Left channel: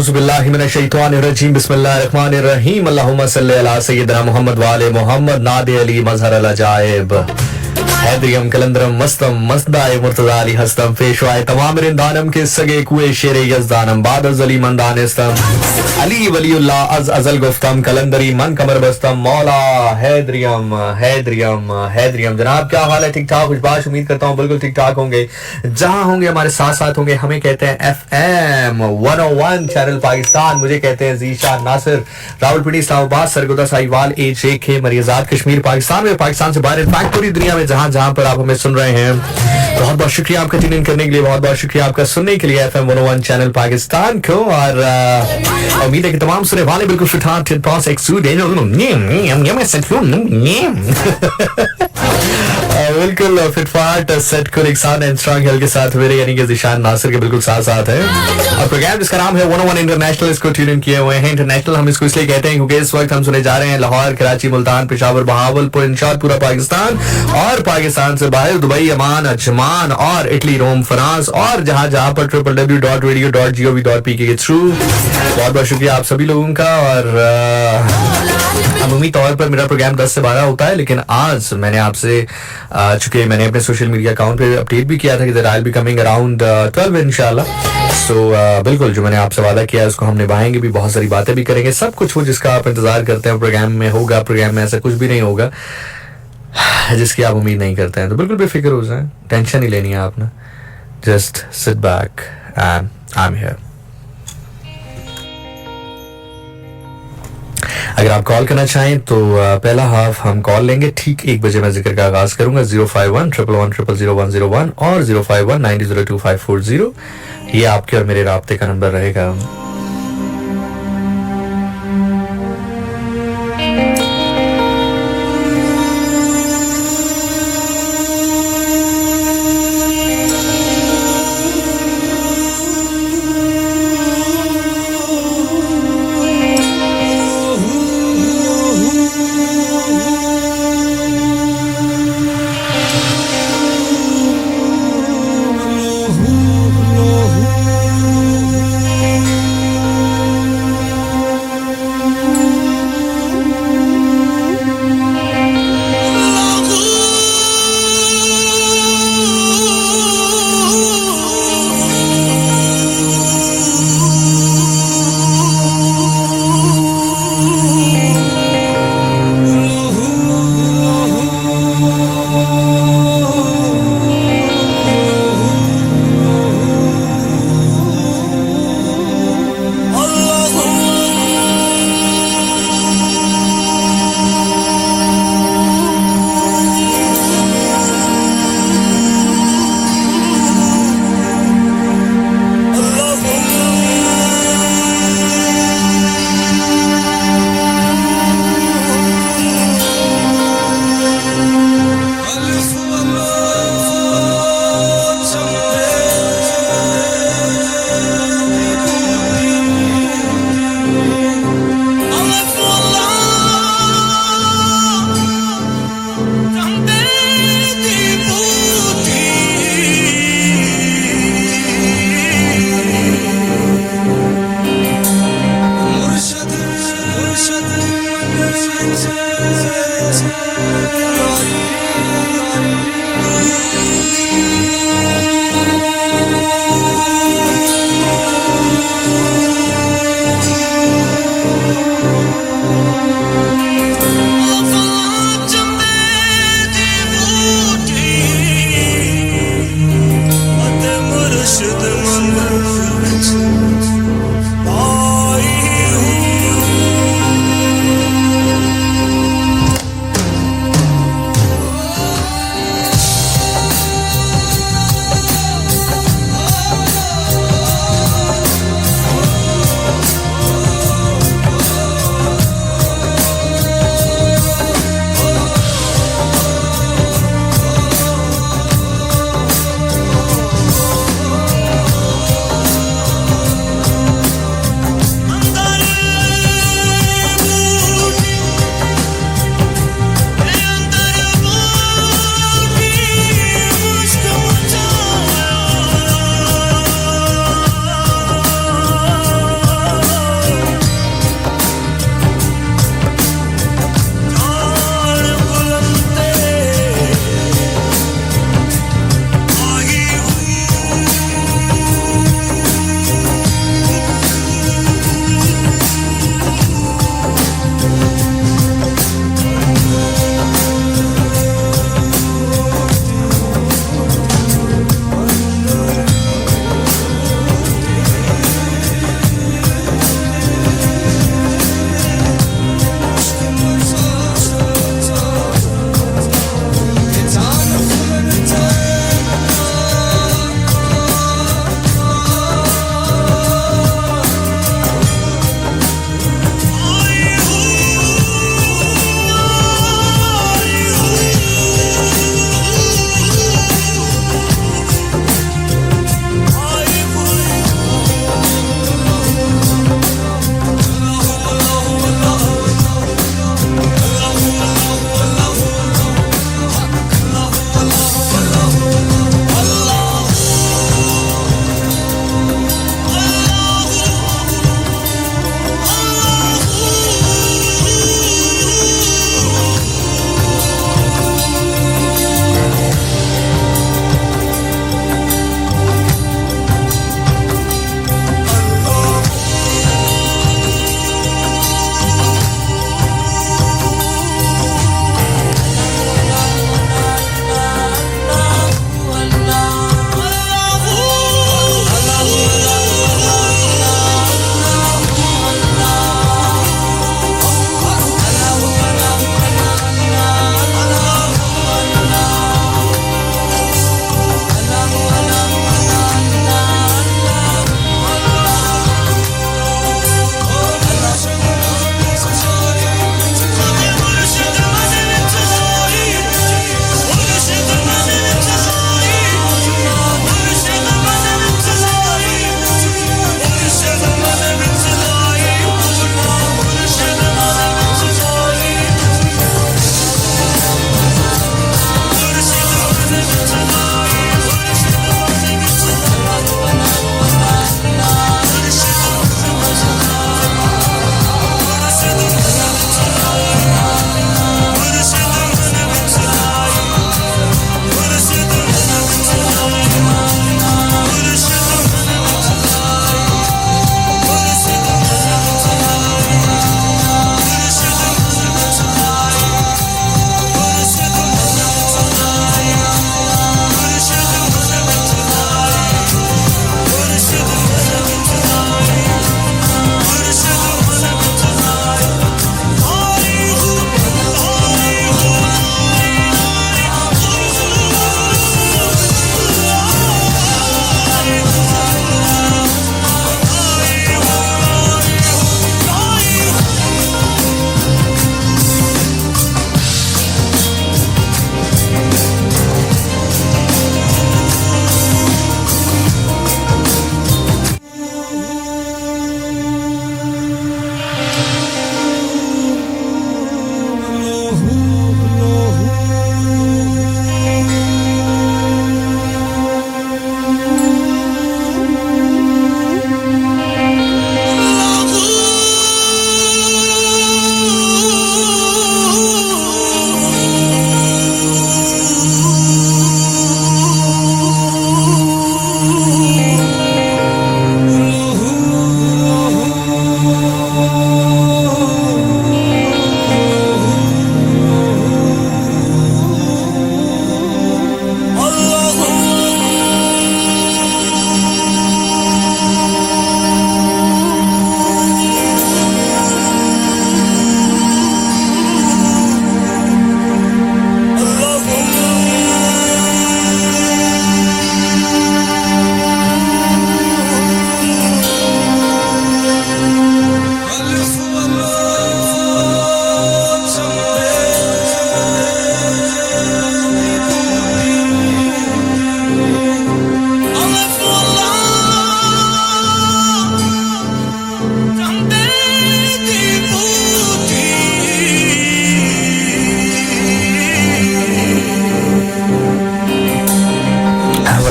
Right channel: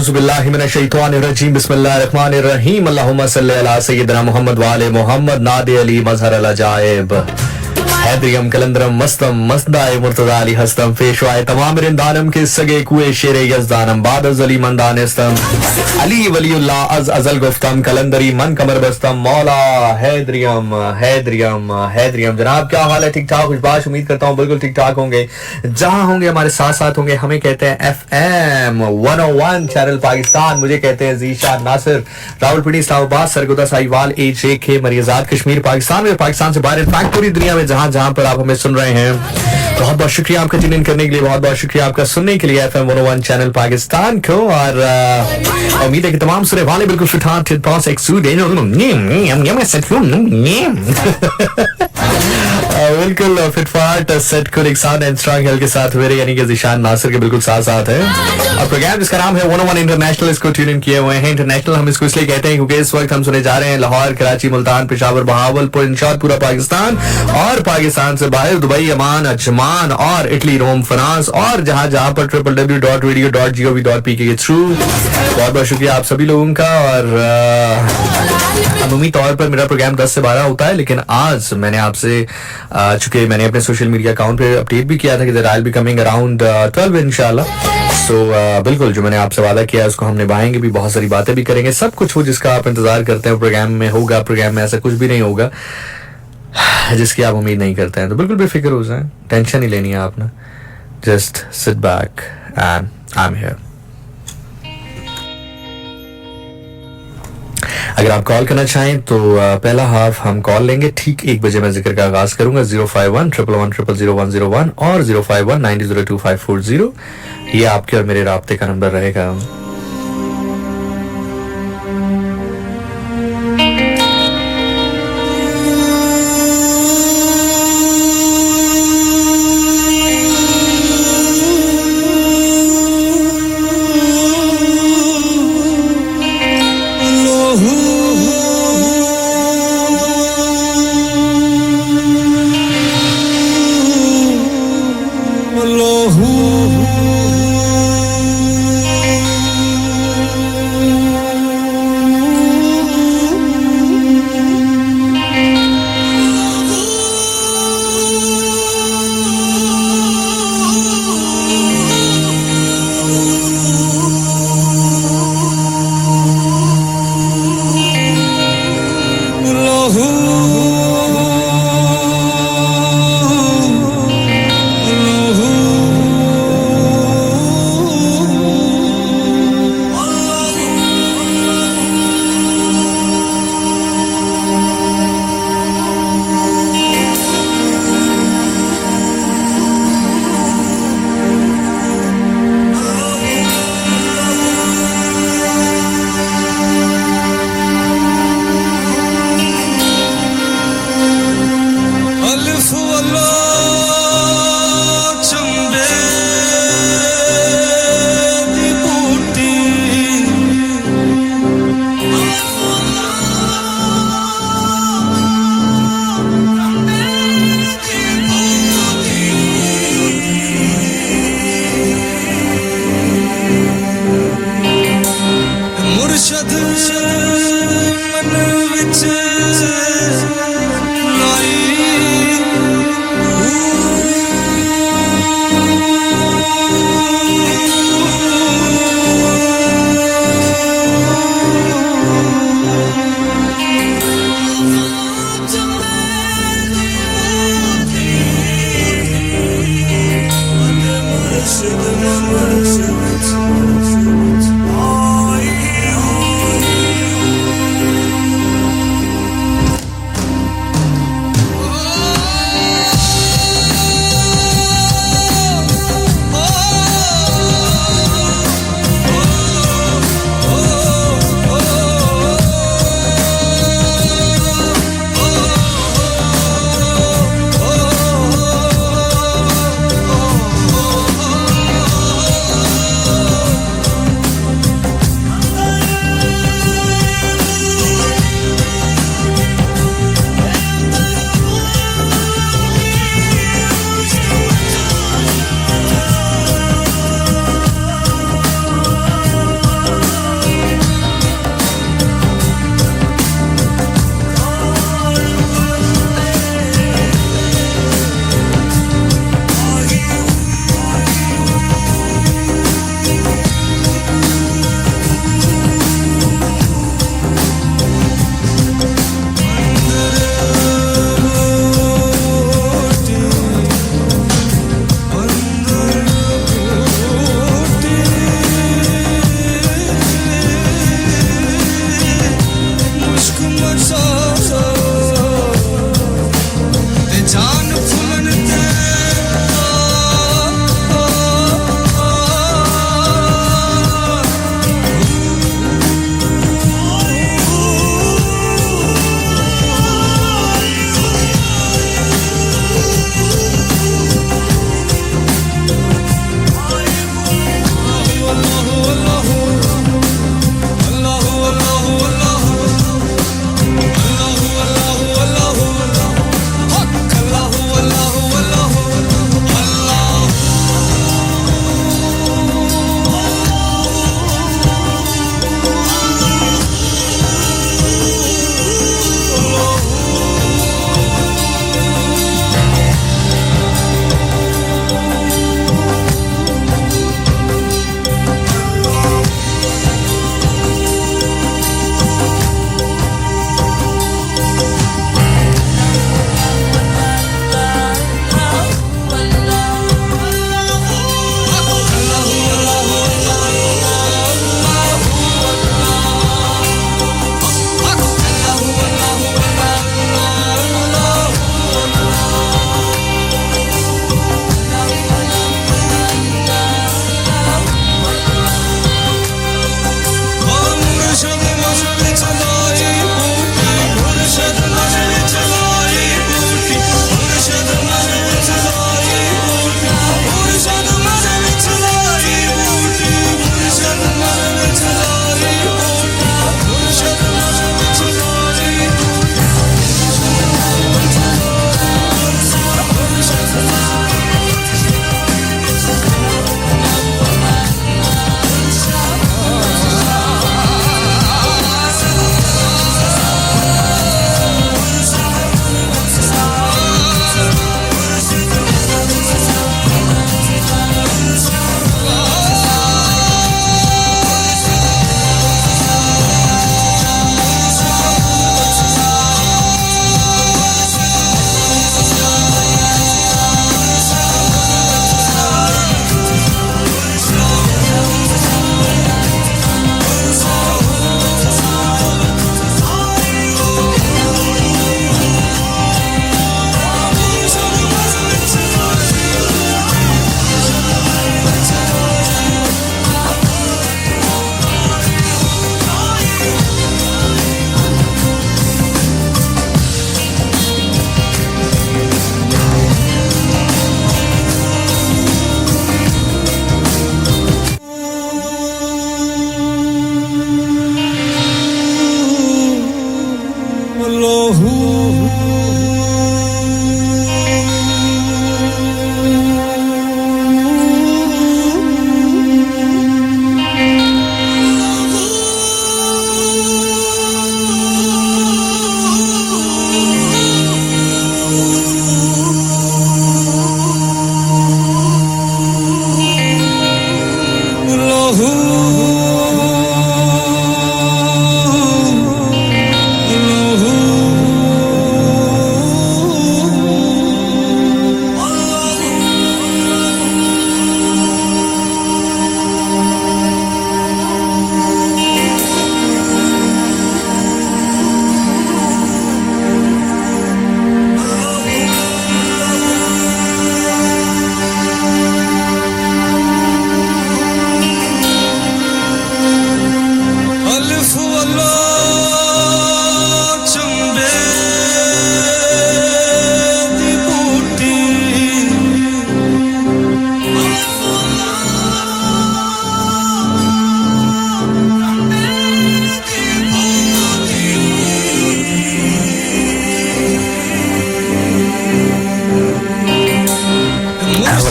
औज़ुबिल्लाहि मिनश्शैतानिर्रजीम बिस्मिल्लाहिर्रहमानिर्रहीम अल्लाहुम्मा सल्लि अला सय्यिदिना मुहम्मद व आले मुहम्मद नादे अली मज़हर अल अजाइब हैदरियम कलंदरम मस्तम मस्दाए मुर्तज़ा अली हस्तम पेशवाए तमाम रिंदानम के सगे कुए शेरे यज़दानम बाद अज़ली मंदानिस्तम अली वलीउल्लाह अज़ अज़ल गुफ्तम कलंदरी मन कमर बस्तम मौला हैदरियम हैदरियम हैदरियम। जनाब क्या हाल है? ठीक ठाक खुशबाश, उम्मीद करता हूँ बिल्कुल ठीक ठाक होंगे। जहाँ होंगे हमारे साथ साथ होंगे। हमें कहते हैं FM 101 चैनल पाकिस्तान, मुझे कहते हैं ज़ीशान नासिर, रावलपिंडी इस्लामाबाद सरगोदा साहिवाल AJK मरियज़ात कश्मीर पाकिस्तान में, पाकिस्तान से बाहर इनफैक्ट पूरी दुनिया में जहाँ जहाँ पर आप हमें सुन रहे हैं। बहुत बहुत शुक्रिया आपका ट्यून इन करने के लिए, बहुत बहुत शुक्रिया आपका सुनने के लिए FM 101 चैनल पाकिस्तान को। और उम्मीद है कि तमाम सुनने वाले बिल्कुल फिटहाट बिल्कुल फिटफाट सेट को एक साथ एंड स्ट्रॉन्ग हेल्थ के साथ मेरे यानी कि ज़ीशान नासिर के बिल्कुल साथ साथ है। और प्रोग्राम जिसका नाम है 101 इंटरनेशनल, इसको ट्यून इन किए हुए हैं। इंटरनेशनल हम इसको इसलिए कहते हैं क्योंकि इस वक्त हम सुने जा रहे हैं लाहौर, कराची, मुल्तान, पेशावर, बहावलपुर, इंशाअल्लाह पूरा पाकिस्तान और पाकिस्तान से बाहर दुबई, अमान, अजमान और इटली, रोम, फ्रांस और जहां जहां पर www.radio.gov.pk के थ्रू। बहुत बहुत शुक्रिया आप सभी लोगों का। और अमूमी तौर पर मेरा प्रोग्राम 10 से 12 होता है, लेकिन आज मैंने आपसे चूंकि मैंने अपने सोशल मीडिया अकाउंट पे अपडेट भी किया था कि I will be coming around 12 इंशाल्लाह। सो बिल्कुल जो मैंने आपसे वादा किया है उसको हम निभाएंगे भी, बहुत सारी बातें भी करेंगे। सब कुछ वो जिसका आप इंतजार करते हैं प्रोग्राम में होगा। प्रोग्राम में ऐसा कुछ भी नहीं होगा जिसकी आप उम्मीद नहीं करते हैं, तो बिल्कुल बेफिक्र हो जाएं, टेंशन नहीं लेनी है आपने। Just sit back and I am here. अगर आप कॉल करना चाहें तो पहला हाफ हम कॉल लेंगे, ठीक 1 बजे मैं जिक्र का आगाज करूंगा। 051-111-00001 और 051-9002-540 ये आपके और मेरे राब्ते का नंबर रहेगा।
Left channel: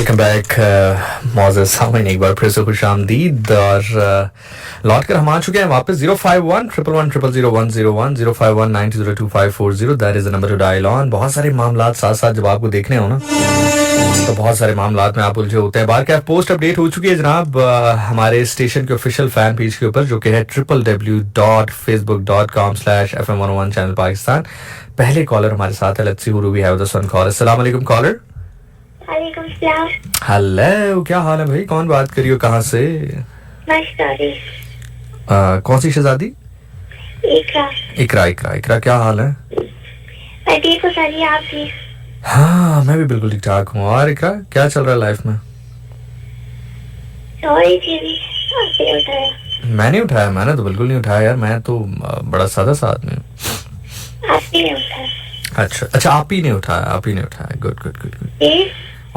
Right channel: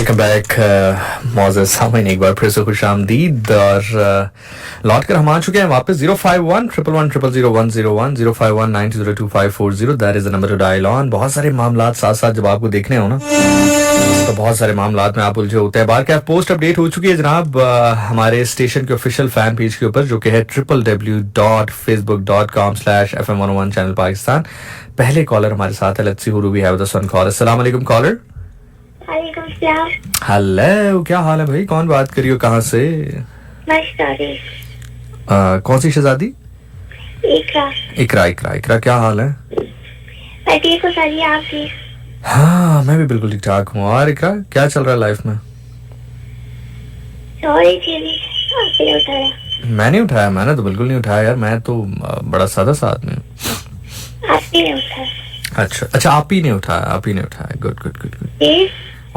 वेलकम बैक मौजूद सामीन, एक बार फिर से खुश आमदीद। और लौट कर हम आ चुके हैं वापस 051-111-000-101 051-9202-540। That is the number two dial on. बहुत सारे मामला साथ साथ जब आपको देखने हो ना, तो बहुत सारे मामला में आप उलझे होते हैं। बार कैफ पोस्ट अपडेट हो चुकी है जनाब हमारे स्टेशन के ऑफिशियल फैन पेज के ऊपर, जो कि है www.facebook.com/FM101 चैनल पाकिस्तान। पहले कॉलर हमारे साथ है, let's see who do we have the one caller. अस्सलाम वालेकुम कॉलर। हेलो, क्या हाल है भाई? कौन बात करी हो, कहाँ से? कौन सी शहजादी? इकरा। इकरा, क्या हाल है? मैं ठीक हूँ सर, आप भी? हाँ, मैं भी बिल्कुल ठीक ठाक हूँ। और इकरा, क्या चल रहा है लाइफ में? आपने उठाया? मैं नहीं उठाया, मैंने तो बिल्कुल नहीं उठाया यार, मैं तो बड़ा सादा सा आदमी हूँ। आपने नहीं उठाया? अच्छा, आप ही ने उठाया। गुड।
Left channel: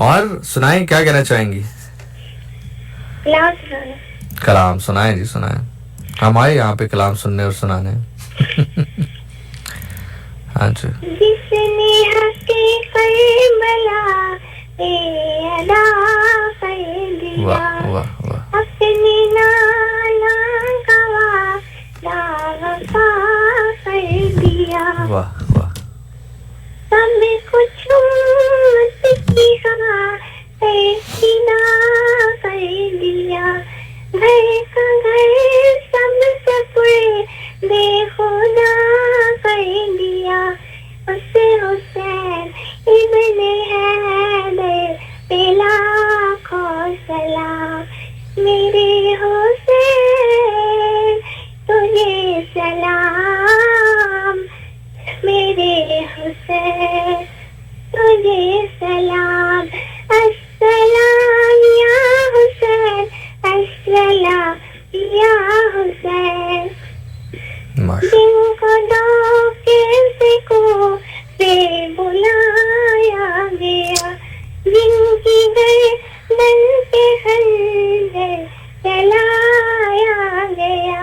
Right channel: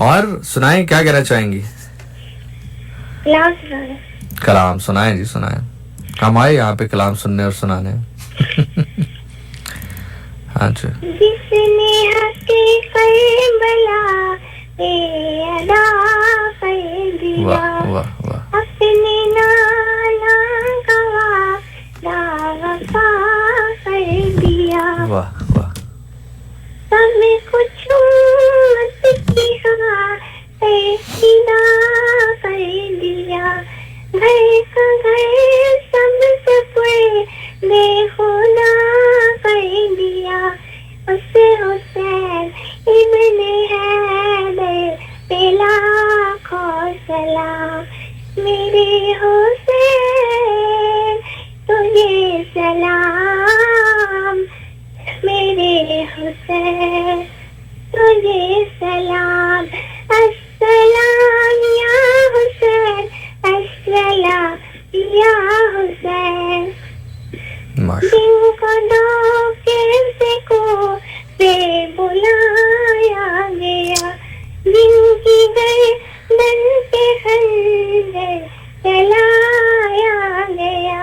और सुनाएं, क्या कहना चाहेंगी? कलाम सुनाएं जी, सुनाएं। हम आए यहाँ पे कलाम सुनने और सुनाने। हाँ जी। जिसने हंसी करबला पे अदा कर दिया, वाह। अपने नाला गवा दावफा कर दिया, वाह। सब कुछ की हवा से सीधा कर दिया, घर का घर सब सपने बेखुदा कर दिया, उसे हुसैन इब्ने हैदर पे लाखों सलाम। मेरे हुसैन तुझे सलाम, मेरे हुसैन तुझे सलाम। अस्सलाम या हुसैन, अस्सलाम या हुसैन। जिनको दो कैसे को से बुलाया गया, जिनकी गर्दन पे खंजर चलाया गया,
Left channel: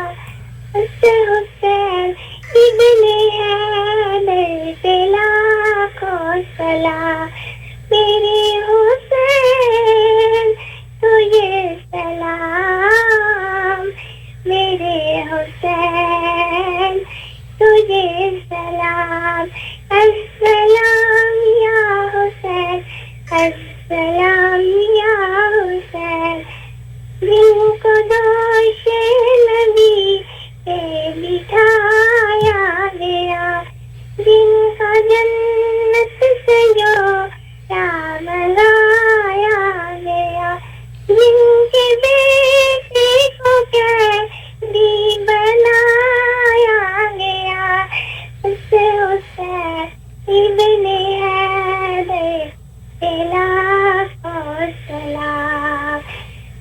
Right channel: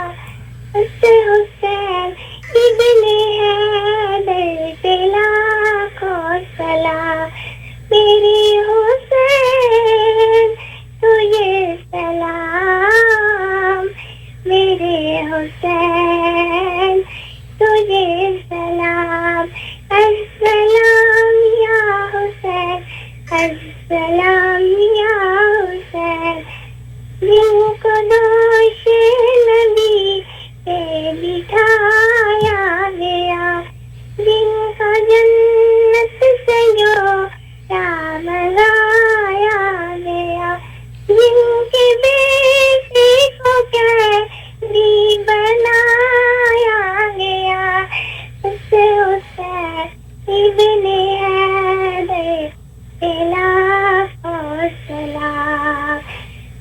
उस हुसैन इब्ने हैदर पे लाखों सलाम। मेरे हुसैन तुझे सलाम, मेरे हुसैन तुझे सलाम। अस्सलाम या हुसैन, अस्सलाम या हुसैन। जिनको दोष नबी पे बिठाया गया, जिनका जन्नत से जो राम लाया गया, जिनके बेटे को कैदी बनाया गया, उस हुसैन इब्ने हैदर पे लाखों सलाम।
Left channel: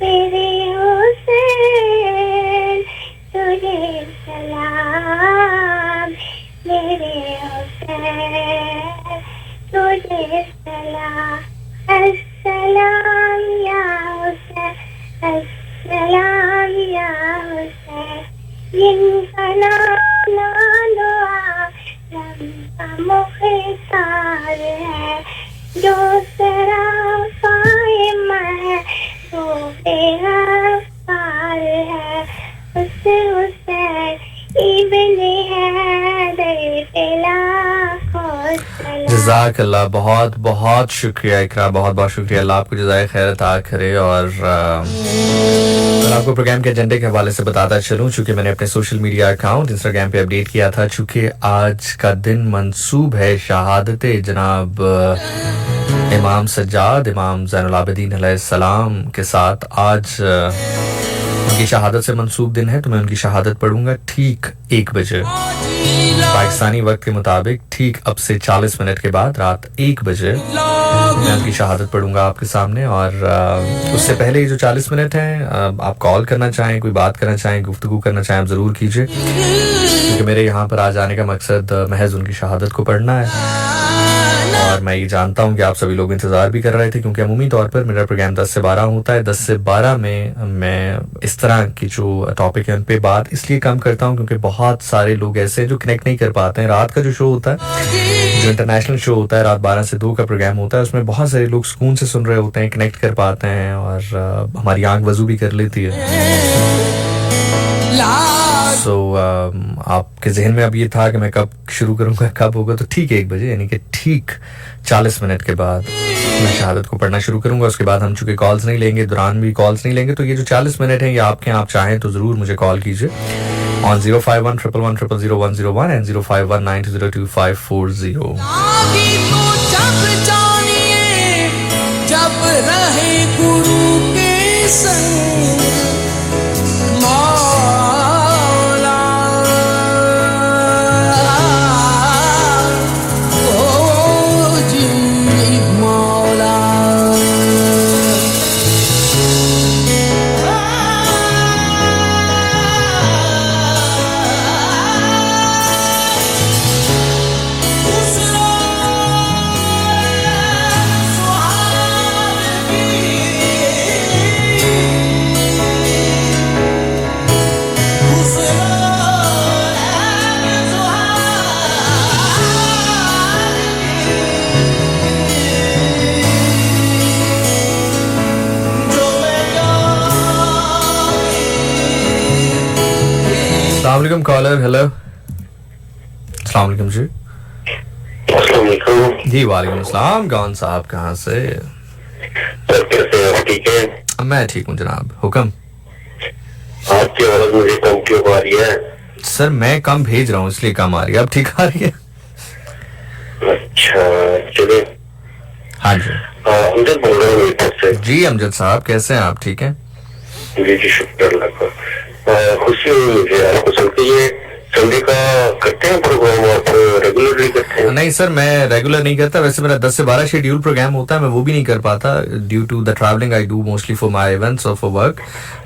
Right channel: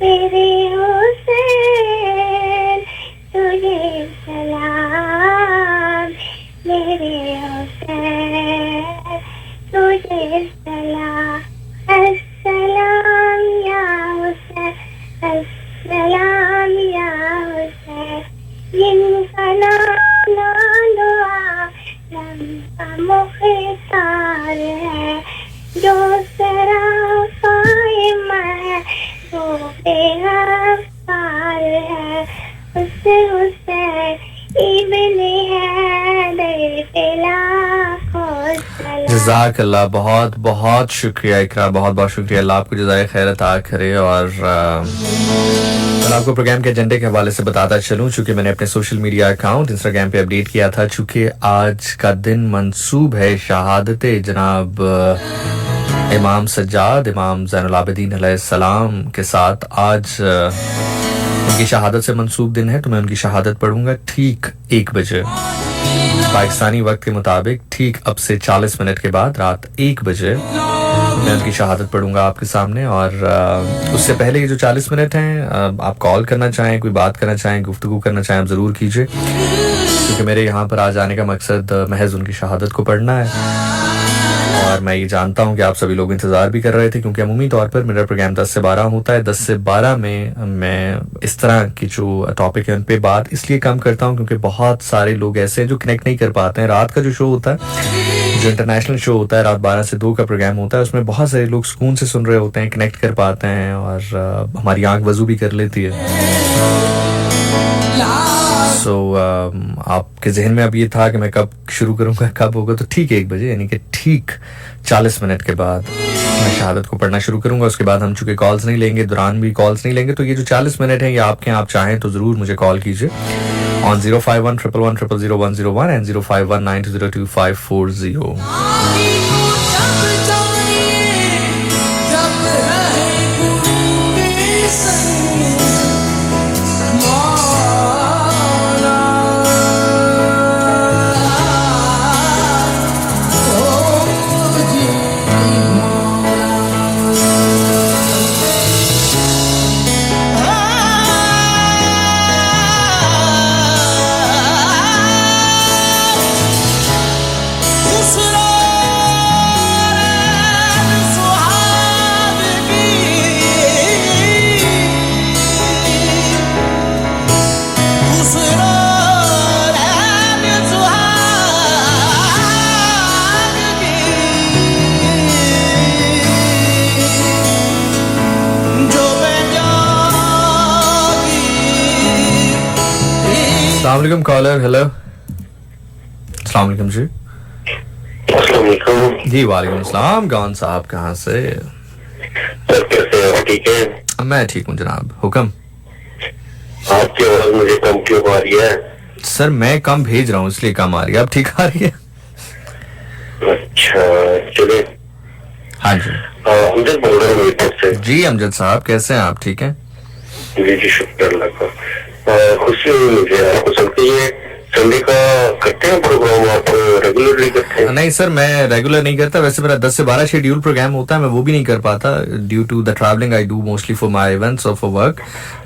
मेरे हुसैन तुझे सलाम, मेरे हुसैन तुझे सलाम। अस्सलाम या हुसैन, अस्सलाम या हुसैन। जिनका नाम दुआ लम्बा मुख्तार है, जो सराफाए मैं वो बेगफ्तार है, उस हुसैन इब्ने हैदर पे लाखों सलाम। जज़ाकल्लाह, बहुत शुक्रिया इकरा, बहुत शुक्रिया। अल्लाह आपको जज़ाए खैर अता करे। और मैं आपको प्रोग्राम के एजेंडे के हवाले से बताता चलूं, चूंकि मैंने अपने सोशल मीडिया अकाउंट इंस्टाग्राम पे अपडेट किया था, चूंकि आज का दिन मंसूब है शहादत जनाब इमाम सज्जाद, इमाम ज़ैनुल आबिदीन अलैहिस्सलाम के साथ आज उनकी शहादत से मंसूब दिन है। तो मैं उनकी शहादत पढ़ूंगा ठीक 1 बजे पाकिस्तानी वक्त के मुताबिक, ठीक अब से 40 मिनट के बाद रात 1 बजे मैं उनकी शहादत पढ़ूंगा आपके सामने। और उससे पहले ये जो 40 मिनट हैं, आप कॉल करना चाहें, कोई बात करना चाहें, गुफ्तगू करना चाहें, आप ज़रूर कीजिए, क्योंकि मेरे यहाँ पर आज आने का मकसद महज उनकी शहादत को पढ़ना है। और मैं ये जानता हूँ कि आप सभी लोग इंतज़ार भी कर रहे थे, क्योंकि अमूमी तौर पर मेरा प्रोग्राम 10 से 12 होता है। 10 से 12 में मैं इस तरह की जो टॉपिक है उन पे बात इसलिए कम करता हूँ, क्योंकि बहुत सारे लोग ऐसे हैं जो कनेक्ट नहीं कर पाते हैं। रात का जो शो होता है, जो जो इंटरनेशनल शो होता है रात 12 से 2 का प्रोग्राम होता है, उसमें बहुत सारे लोग सुकून से सुन रहे होते हैं, कनेक्ट कर पाते हैं और हमारी आंख वजू भी कर लेती है। सो आपके जहन में अब ये था कि मैं कब शुरू करूंगा, कब होगा, तो ठीक 1 बजे यानी कि ठीक 40 मिनट के बाद मैं शहादत को पढ़ना शुरू करूंगा। उसके बाद हम चूंकि कॉल्स नहीं लेंगे, दौरान भी कॉल्स नहीं लेंगे, तो ये जो 40 मिनट है ये आपके, आप चाहें तो ज़रूर मुझे कॉल कीजिए ऑन 05111000101 एंड 05192022540। अस्सलामुअलैकुम कॉलर। हेलो, अस्सलामुअलैकुम जी। अस्सलामुअलैकुम जी वालेकुम अस्सलाम। कौन साहब कहाँ से? सर कैसे हैं आप? ठीक है? मैं ठीक हूँ जनाब, हुक्म। आपकी आवाज मुझे कम क्यों आ रही है? सर मैं कम भेज रहा हूँ इसलिए कम आ रही है। अब ठीक आ रही है? अच्छा चले। हाँ जी। अमजद बोल रहा हूँ मीरपुर से। जी अमजद साहब कैसे हैं आप? ठीक हैं? जी जी शुक्र अल्लाह का। खुशी हुई मुझे आपको सुन के। ये संडे का करते हैं प्रोग्राम, आप रेगुलरली करते हैं? नहीं सर, मैं रेगुलर नहीं करता। वैसे मेरा 10 से 12 शेड्यूल प्रोग्राम होता है, मैं वो भी नहीं कर पाता due to the travelling I do mostly for my events और फॉर वर्क।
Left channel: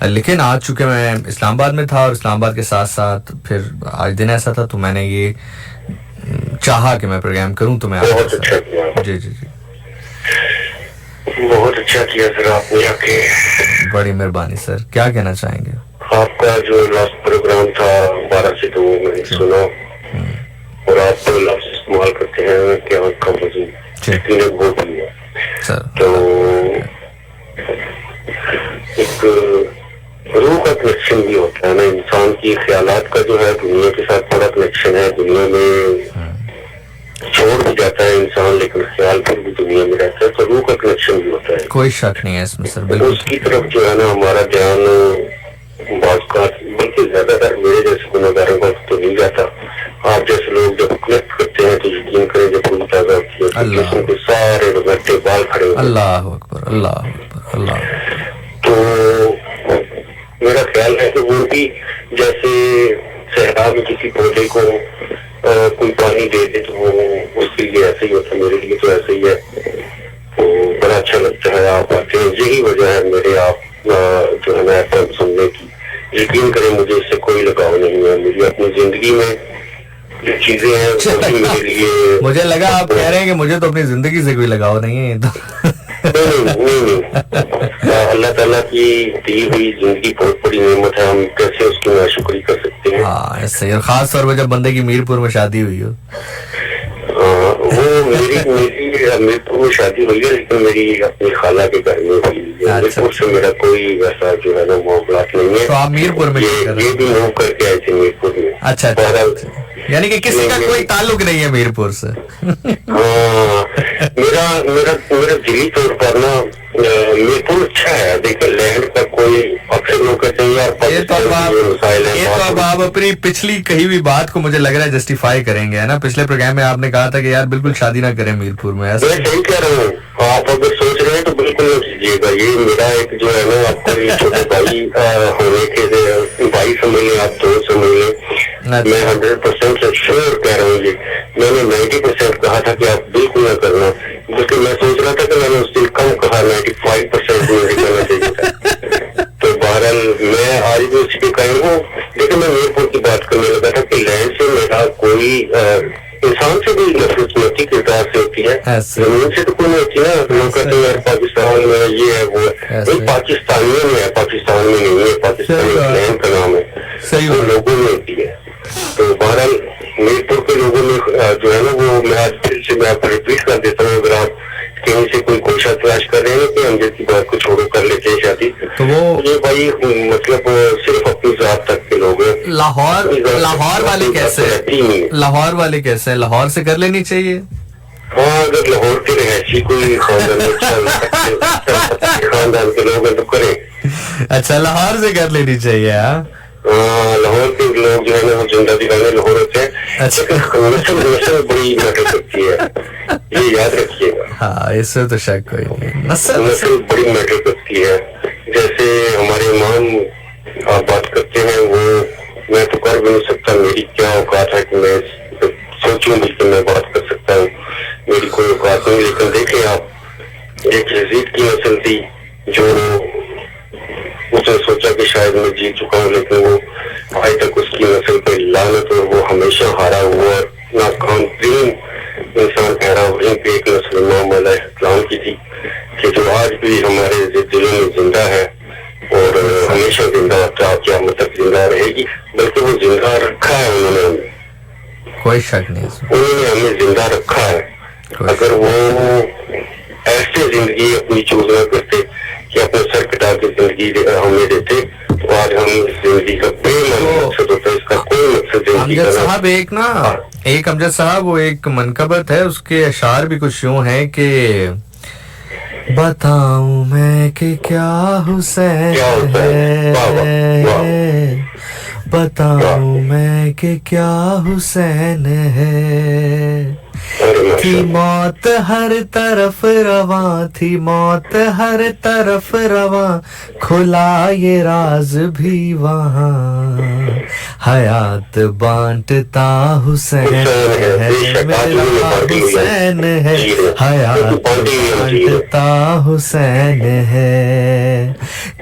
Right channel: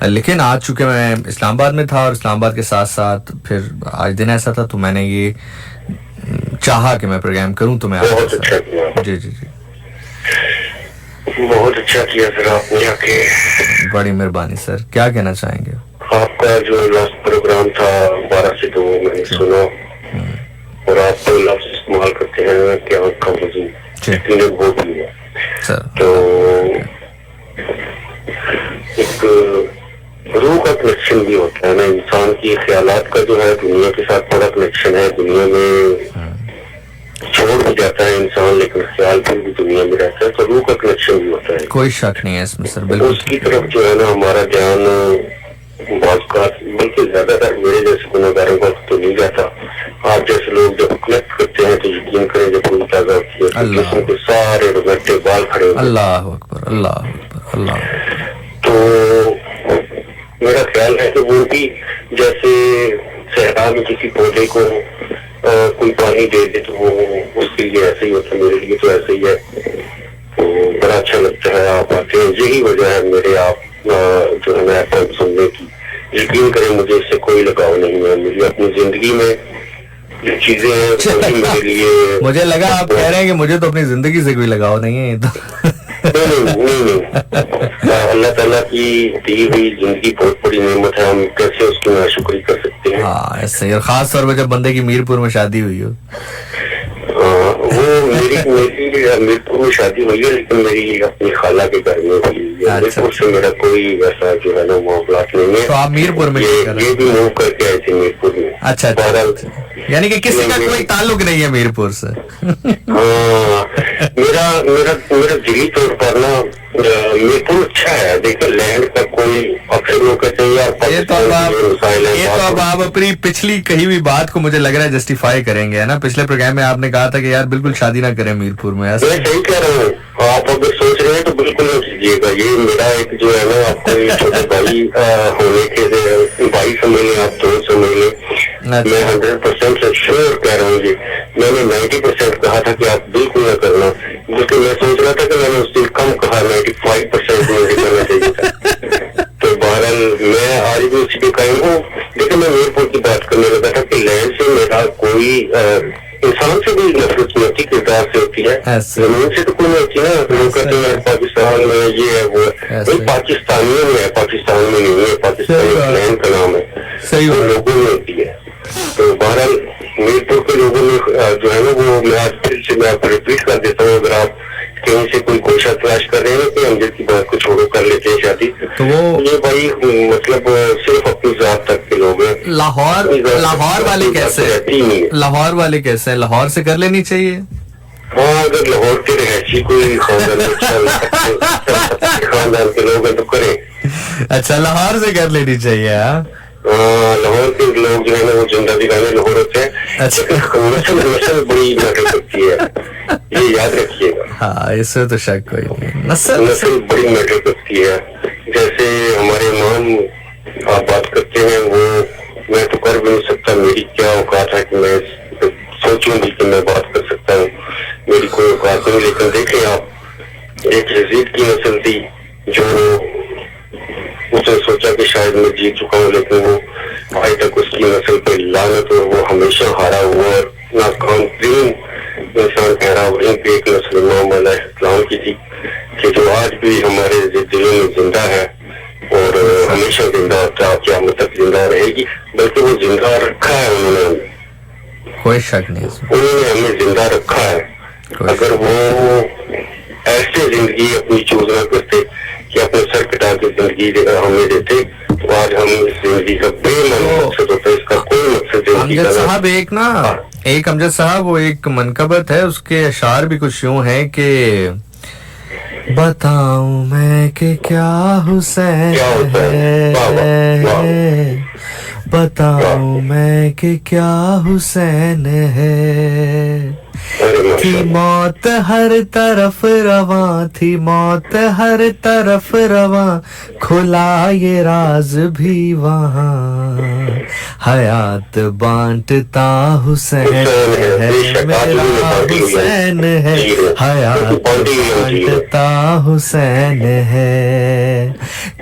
लेकिन आज चूंकि मैं इस्लामाबाद में था और इस्लामाबाद के साथ साथ फिर आज दिन ऐसा था, तो मैंने ये चाहा कि मैं प्रोग्राम करूं, तो मैं बहुत अच्छा किया। जी जी जी, बहुत अच्छा किया सर आपने आके। बड़ी मेहरबानी सर। क्या कहना चाहेंगे? आपका जो लास्ट प्रोग्राम था 12 से 2 मैंने सुना, और आप तो लफ्ज इस्तेमाल करते हैं क्या का वजूद तीन बहुत ही है सर। तो एक रूह का कनेक्शन भी होता है ना इंसान की। ख्यालात का जो है दुनिया के साथ बड़ा कनेक्शन है, दुनिया में छोड़ भी जाता है इंसान लेकिन ख्याल फिर भी दुनिया में रहता है, तो रूह का कनेक्शन भी होता है। कोई शक नहीं है इसमें सर, तो बिल्कुल। उसकी तरफ जो है ना हमारा ध्यान बल्कि ज्यादातर मेरे जैसे गुनाहगारों का तो नहीं जाता। आप जैसे लोग जब कनेक्ट करते हैं तो यकीन करें जब कोई ताजा होती है तो सारे रोगटे बाल खड़े होते हैं। अल्लाह अकबर, अल्लाह अकबर, अल्लाह। तो मेरा ख्याल है कि वो भी जैसे सहरा में किसी पौधे को कोई पानी दे दे तो वो उसके लिए ऐसे ही होता है, मेरे लिए तो ऐसे ही है। तो बड़ा अच्छा लगता है आप आते हैं, यही वजह है मेरे आप जो है ना सुनने की। यकीन करें मुझे इससे कोई लगाव नहीं है, मेरी अपनी जिंदगी में जो चीजें हैं वही मेरे लिए। मुझे लगा आप कह रहे हैं कि मुझे तो अपनी जिंदगी से कोई लगाव नहीं है। तो नहीं। अल्लाह ताला की दी हुई जिंदगी बहुत बड़ी नेमत है, हम कैसे उसकी नाशुक्री कर सकते हैं? हाँ ऐसे, और खास तौर पर जब बंदे की मीरपुर में शादी हुई हो। वो मेरी मीरपुर में शादी हुई है, लेकिन मेरी अपनी खाला के घर में हुई है। मीरपुर से मेरा कोई वैसा जो है ना मामला नहीं है। तो आप मीरपुर में ये भी मूव करके आए थे मीरपुर में। अच्छा, यानी कि किसी का कोई ताल्लुक नहीं है मीरपुर से। हाँ मेरा दिली तौर पर ना मीरपुर अच्छा है। देखो लैंड का कोई अक्सर लोग कहते हैं यार ये तो अब आप अपनी पिछली कही हुई बात को मुझे लग रहा है जस्टिफाई करेंगे, है ना? पिछले प्रोग्राम में आपने कहा था कि यार बिल्कुल शादी ना करें मीरपुर में। ऐसा मैं सही कह रहा हूँ, आप अगर सोच रहे हैं तो बिल्कुल ना कीजिएगा। ये मेरा एक जो है ना आपको छोटे भाई होने के भाई समझ लें, आप दोस्त समझ लें। मैं 100% श्योर कह रहा हूँ जी। मैंने 90% कहा था कि आप बिल्कुल ना करना, क्योंकि मैं सोच रहा था कि मैंने उस दिन कम कहा, 95% मुझे करना चाहिए था। तो बहरहाल मैं आज भी उसी पे कायम हूँ। लेकिन मैं मीरपुर की बात करने लगा था कि लैंड से मेरा कोई इंसान से भी नफरत नहीं होती, किरदार से होती है। जमीन से तो कोई नहीं होती ना। लोग कहते हैं पाकिस्तान में ये है वो है, पाकिस्तानियों में है, पाकिस्तान में नहीं है। पाकिस्तान लैंड का नाम है, वो लोगों में होती है। तो बहरहाल मीरपुर के लोगों में जो है ना वो मैं आज फिर से से मैं आपको रिपीट कर देता हूँ, अगर आप कहीं से कोई गोशा तलाश कर रहे हैं कि अमजद की बात को छोड़ो, कर लेते हैं शादी, तो वो ये भाई मतलब सिर्फ अपनी जात तक के लोग हैं। लाहौर वाले कैसे, लाहौर वाले कैसे हैं? लाहौर से कर लेनी चाहिए। हाँ, अगर लाहौर के रहशी कोई खानदान के लोग हैं तो करें। अच्छा, लाहौर से कर लेनी चाहिए। हाँ, लाहौर के लोग जो है ना वो जिंदा दिलाने लाहौर होते हैं। अच्छा, नस्ल बड़ी मैटर करती है, ये याद रखिएगा। हाँ, इससे तो शक कोई नहीं, नस्ल बड़ी मैटर करती है। जैसे हमारे इमाम आप बात करते हैं, वो मैं तो कर भी नहीं सकता, मेरी क्या औकात है कि मैं सोचूं भी कि मैं बात कर सकता हूँ, मेरी कोई औकात नहीं। लेकिन देखें आप, एक यजीद की नस्ल थी जो उसने सोचा कि शायद मैं जीत चुका हूँ, लेकिन वो आज तक उसकी नस्ल पे लानत, और वो हमेशा हारा हुआ और नाकाम तरीन इंसान ठहरा। वहीं पे एक नस्ल इमाम अलैहिस्सलाम की थी कि जो आज भी हमारे दिलों में जिंदा है और हमेशा जिंदा क़यामत तक जिंदा रहेगी। बल्कि वो जिंदा रखा है उन्होंने, कोई शक नहीं, उन्होंने हमें जिंदा रखा है। अगर वो ऐसे जिंदगी अपनी चूज न करते कि अपने सर कटा के जिंदगी हमें देते, तो आज हम इस जिंदगी का बेमानी मकसद होता है, इसका कोई मकसद जिंदगी का। अमजद साहब एक अमजद साहब वो एक मनकबत है, उसके अशार भी कुछ यूं है कि बताऊं मैं कि क्या हुसैन है, बताऊं मैं कि क्या हुसैन है, थी मौत हर तरफ रवां, थी मौत हर तरफ रवां, खुला ये राज भी वहाँ, हयात बांटता हुसैन है, मेरा हुसैन है, हयात बांटता हुसैन है,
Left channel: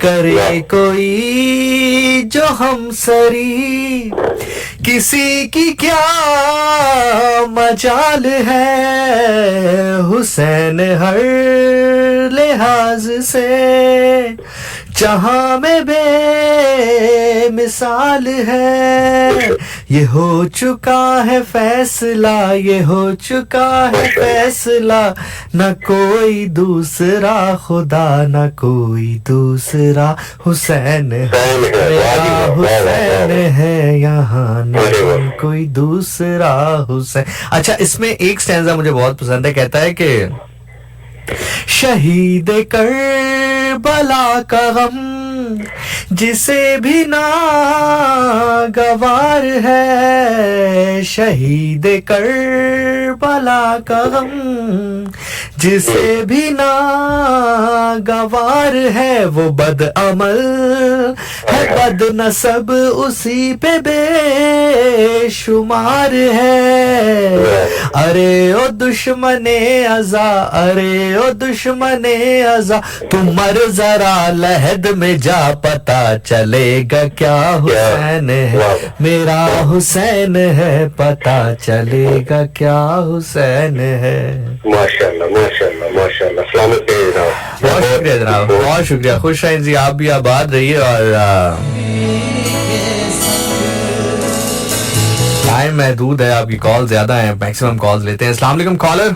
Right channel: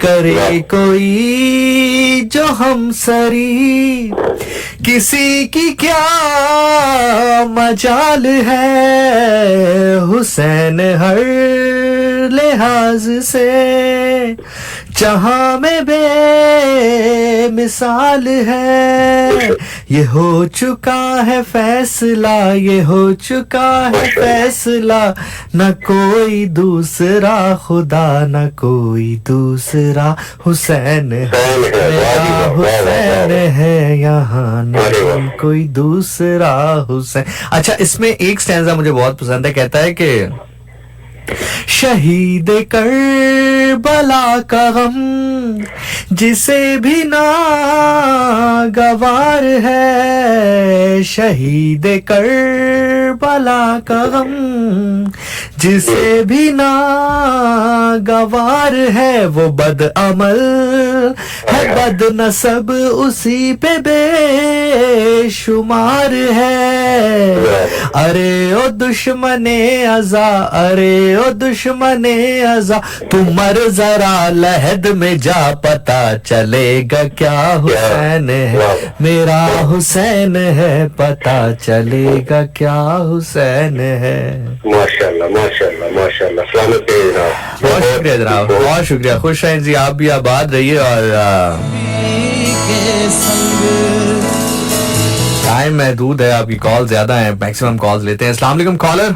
करे कोई जो हमसरी, किसी की क्या मजाल है, हुसैन हर लिहाज से जहां में बेमिसाल है, ये हो चुका है फैसला, ये हो चुका है फैसला, न कोई दूसरा खुदा, न कोई दूसरा, हुसैन है मेरा हुसैन है, यहाँ नहीं कोई दूसरा हुसैन। अच्छा, इसमें एक स्टैंजा मुझे बहुत पसंद है, कहता है कि शहीद करबला का गम जिसे भी ना गवार है, शहीद करबला का गम जिसे भी ना गवार है, वो बद अमल है, बद नसब उसी पे बेशुमार है, अरे ओ दुश्मने अज़ा, अरे ओ दुश्मने अज़ा, तुम मर जरा लहद में जा, पता चलेगा क्या हुसैन है, मेरा हुसैन है, पता चलेगा क्या हुसैन है। माशाल्लाह माशाल्लाह माशाल्लाह, सलामत रहिए जनाब। बहुत शुक्रिया जनाब, बहुत शुक्रिया, खुश रहें जी, आप भी आबाद रहिए। और टाइम महदूद है, आपकी कॉल ज्यादा है, मैक्सिमम कॉल्स लेते हैं। अस्सलाम वालेकुम कॉलर।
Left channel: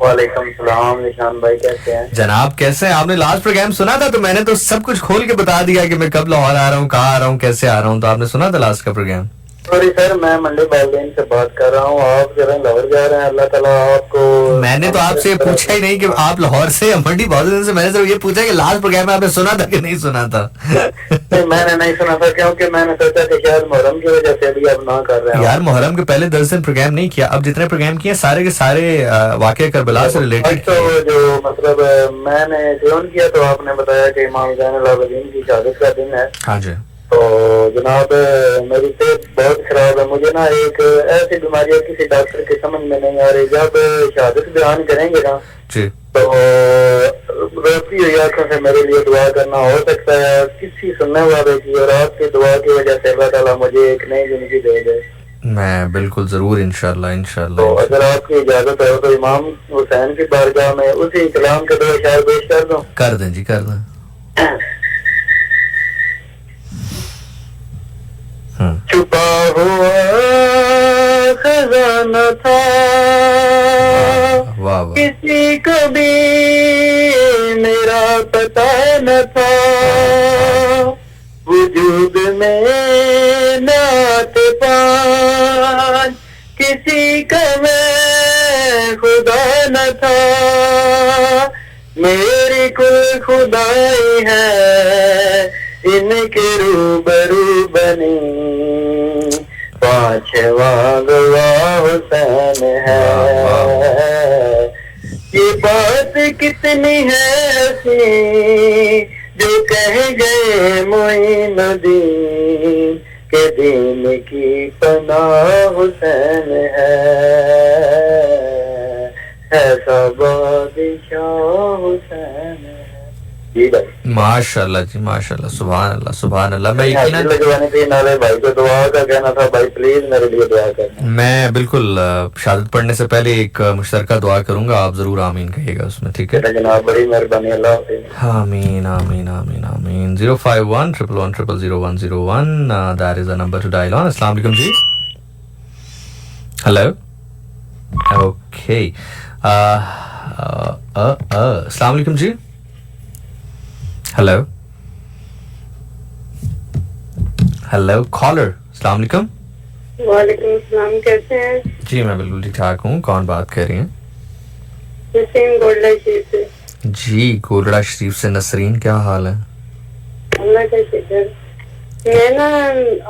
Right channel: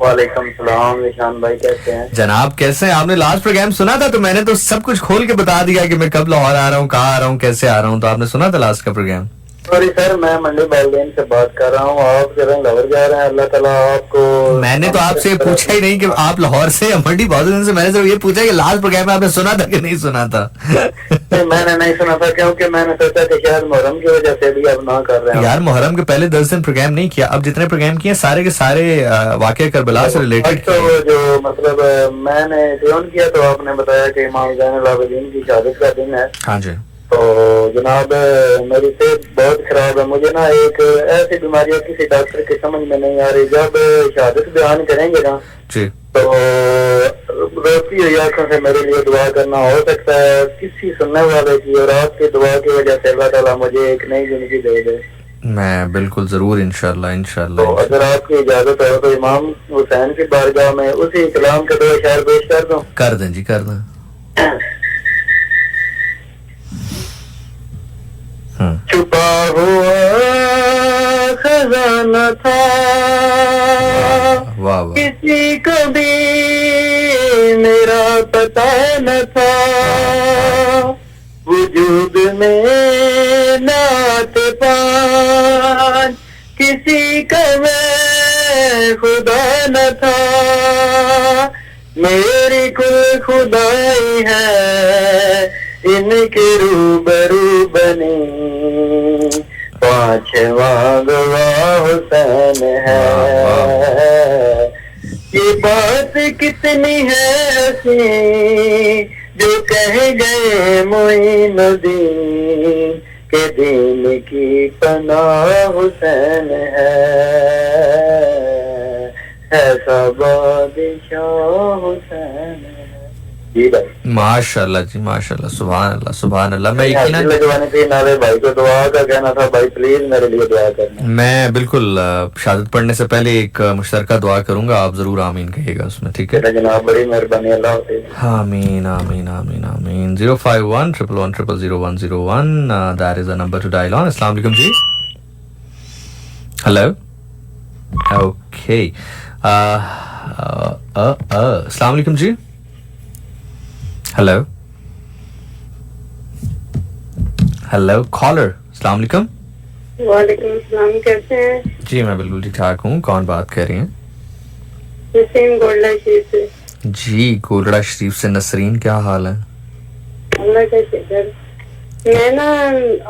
वालेकुम सलाम, निशान भाई कैसे हैं जनाब? कैसे हैं? आपने लास्ट प्रोग्राम सुना था तो मैंने तो सब कुछ खोल के बता दिया कि मैं कब लाहौर आ रहा हूँ, कहाँ आ रहा हूँ, कैसे आ रहा हूँ, तो आपने सुना था लास्ट का प्रोग्राम? सॉरी सर, मैं मंडी बालदेन से बात कर रहा हूँ, आप जरा लाहौर जा रहे हैं, अल्लाह ताला आपको। मैंने तो आपसे पूछा ही नहीं कि आप लाहौर से या मंडी बालदेन से, मैंने सिर्फ ये पूछा कि लास्ट प्रोग्राम में आपने सुना था कि नहीं सुना था। नहीं, मैंने नहीं सुना था, क्योंकि मैंने सोचा कि शायद मुहर्रम की वजह से अभी आप ना कर रहे हैं। यार मुहर्रम के पहले 10 दिन प्रोग्राम नहीं किया, अब जितने प्रोग्राम किए सारे के सारे वाकया करबला से रिलेटेड। तो जो मतलब मैंने फोन किया तो आपने बताया कि इमाम ज़ैनुल आबिदीन की शहादत का दिन है। हाँ जी। तो जनाब मेरी सेहत बहुत खराब है, मुझे ना एक ऐसी बीमारी है किसी डॉक्टर की समझ में नहीं आ रही, जब शहादत बयान करेंगे ना जी तो रोती हुई आंखों से मेरे लिए दुआ करना, हो सकता है किसी सुनने वाले की और आपकी दुआ की वजह से अल्लाह ताला मुझे एक नई जिंदगी दे दे। मैं बिल्कुल जरूर इंशाल्लाह इंशाल्लाह। तो अगर आपकी इजाजत हो तो इमाम हुसैन की बारगाह में उसी कलाम के दो शायर पेश कर दूं? कर दें जी, कर दें। छुपा हुआ खजाना था, वाह वाह, किसी को भी मेरा पता न था, वजूद में नात पान किसी का मैं खुदा न था, मेरी कुल खुदाई है इनके रूबरू बनी, पांचवा गवाह हुसैन है। ये बात कितनी है हसी जो कह गए मोइनुद्दीन के दीन की पनाह हुसैन है सब बादशाह हुसैन है। जी भाई, माशाल्लाह जी, माशाल्लाह, सुभान अल्लाह, सुभान अल्लाह। मैं यकीनन लगवानी थी नाले भाई को दुआ का कहना था, भाई प्लीज मेरे लिए दुआ करना। मैं बिल्कुल शहादत पढ़ने से पहले एक मुश्तरका दुआ करूंगा, आप जरूर आमीन कहिएगा उसमें, ठीक है जनाब, बड़ी मेहरबानी, अल्लाह हाफिज। आमीन आमीन आमीन आमीन। 05111001001, that is the number two dial on. अस्सलाम वालेकुम जी। हेलो, ओके, अस्सलाम वालेकुम जी। हेलो हेलो कॉलर, अस्सलाम वालेकुम। वालेकुम सलाम, कैसे हैं? जी मैं बिल्कुल ठीक ठाक हूँ, कौन बात कर रही हैं? नसीम गोल्डा शरीफ से। जी गोलड़ा शरीफ से नसरीन, क्या हाल है? अल्लाह का शुक्र। मैं ना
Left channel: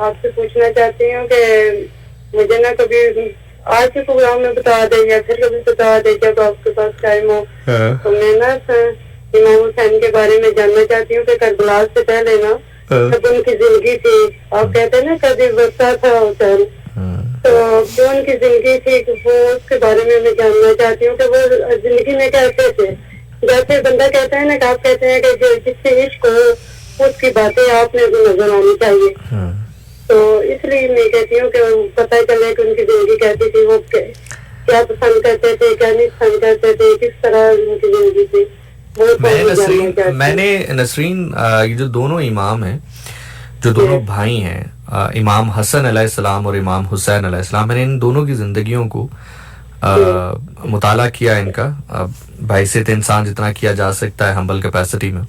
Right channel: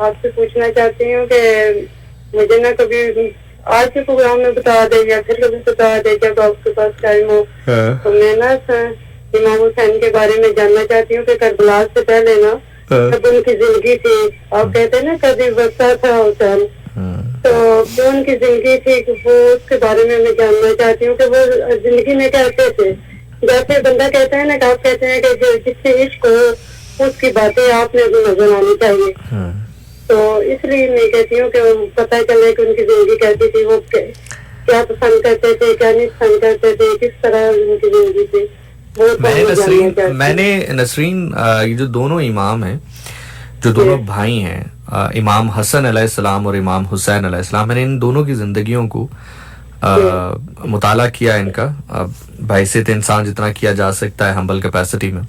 आपसे पूछना चाहती हूँ कि मुझे ना कभी आज के प्रोग्राम में बता दें या फिर कभी बता दें जब आपके पास टाइम हो, तो मैं ना इमाम हुसैन के बारे में जानना चाहती हूँ कि करबला से पहले ना जब उनकी जिंदगी थी, आप कहते हैं ना कभी बसा था हुसैन, तो जो उनकी जिंदगी थी वो उसके बारे में मैं जानना चाहती हूँ कि वो जिंदगी में कैसे थे। जैसे बंदा कहता है ना कि आप कहते हैं कि जिससे इश्क हो उसकी बातें आपने भी नजर आनी चाहिए, तो इसलिए मैं कहती हूँ कि पता चले कि उनकी जिंदगी कैसी थी, वो क्या पसंद करते थे, क्या नहीं पसंद करते थे, किस तरह उनकी जिंदगी थी। मैंने नसरीन ये जो दोनों इमाम हैं, जो दोनों भाई हैं, इमाम हसन अलैहिस्सलाम और इमाम हुसैन अलैहिस्सलाम, मैंने इन दोनों की जिंदगियों को मुताला किया, इनका बहैसियत इंसान जितना किया जा सकता है हम्बल कैपेसिटी में।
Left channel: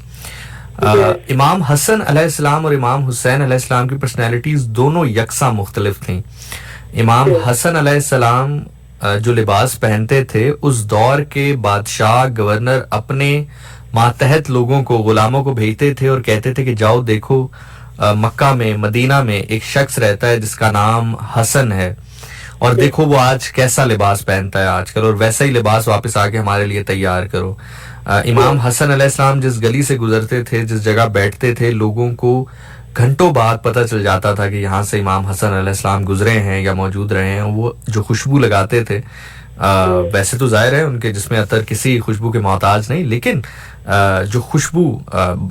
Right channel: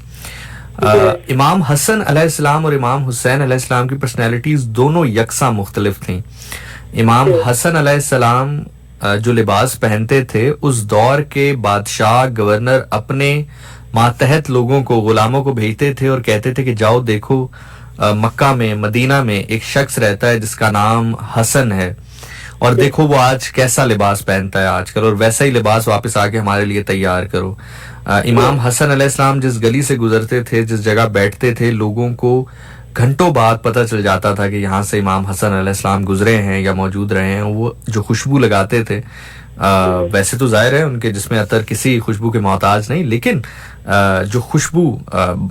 इमाम हसन अलैहिस्सलाम और इमाम हुसैन अलैहिस्सलाम की पर्सनैलिटीज दोनों यकसा मुख्तलिफ थी। इमाम हसन अलैहिस्सलाम जो लिबास पहनते थे, उस दौर के बादशाह गवर्नर अपने मातहत लोगों को, गुलामों को भेजते थे और कहते थे कि जाओ देखो मक्का में, मदीना में एक शख्स रहता है जिसका नाम हसन है, और देखो वो आज कैसा लिबास पहनता है आजकल, और वैसा ही लिबास वापस आके हमारे लिए तैयार करो। इमाम हसन अलैहिस्सलाम जिस गली से गुजरते थे, जिस जगह बैठते थे, लोगों को घंटों बाद पता चल जाता था कि यहाँ से इमाम हसन अलैहिस्सलाम गुजरे हैं या मौजूद रहे हैं। वो जो खुशबू लगाते थे, वैसे तो जाहिर है उनके जिसमें अतर किसी खुशबू के मोहताज नहीं, लेकिन जो खुशबू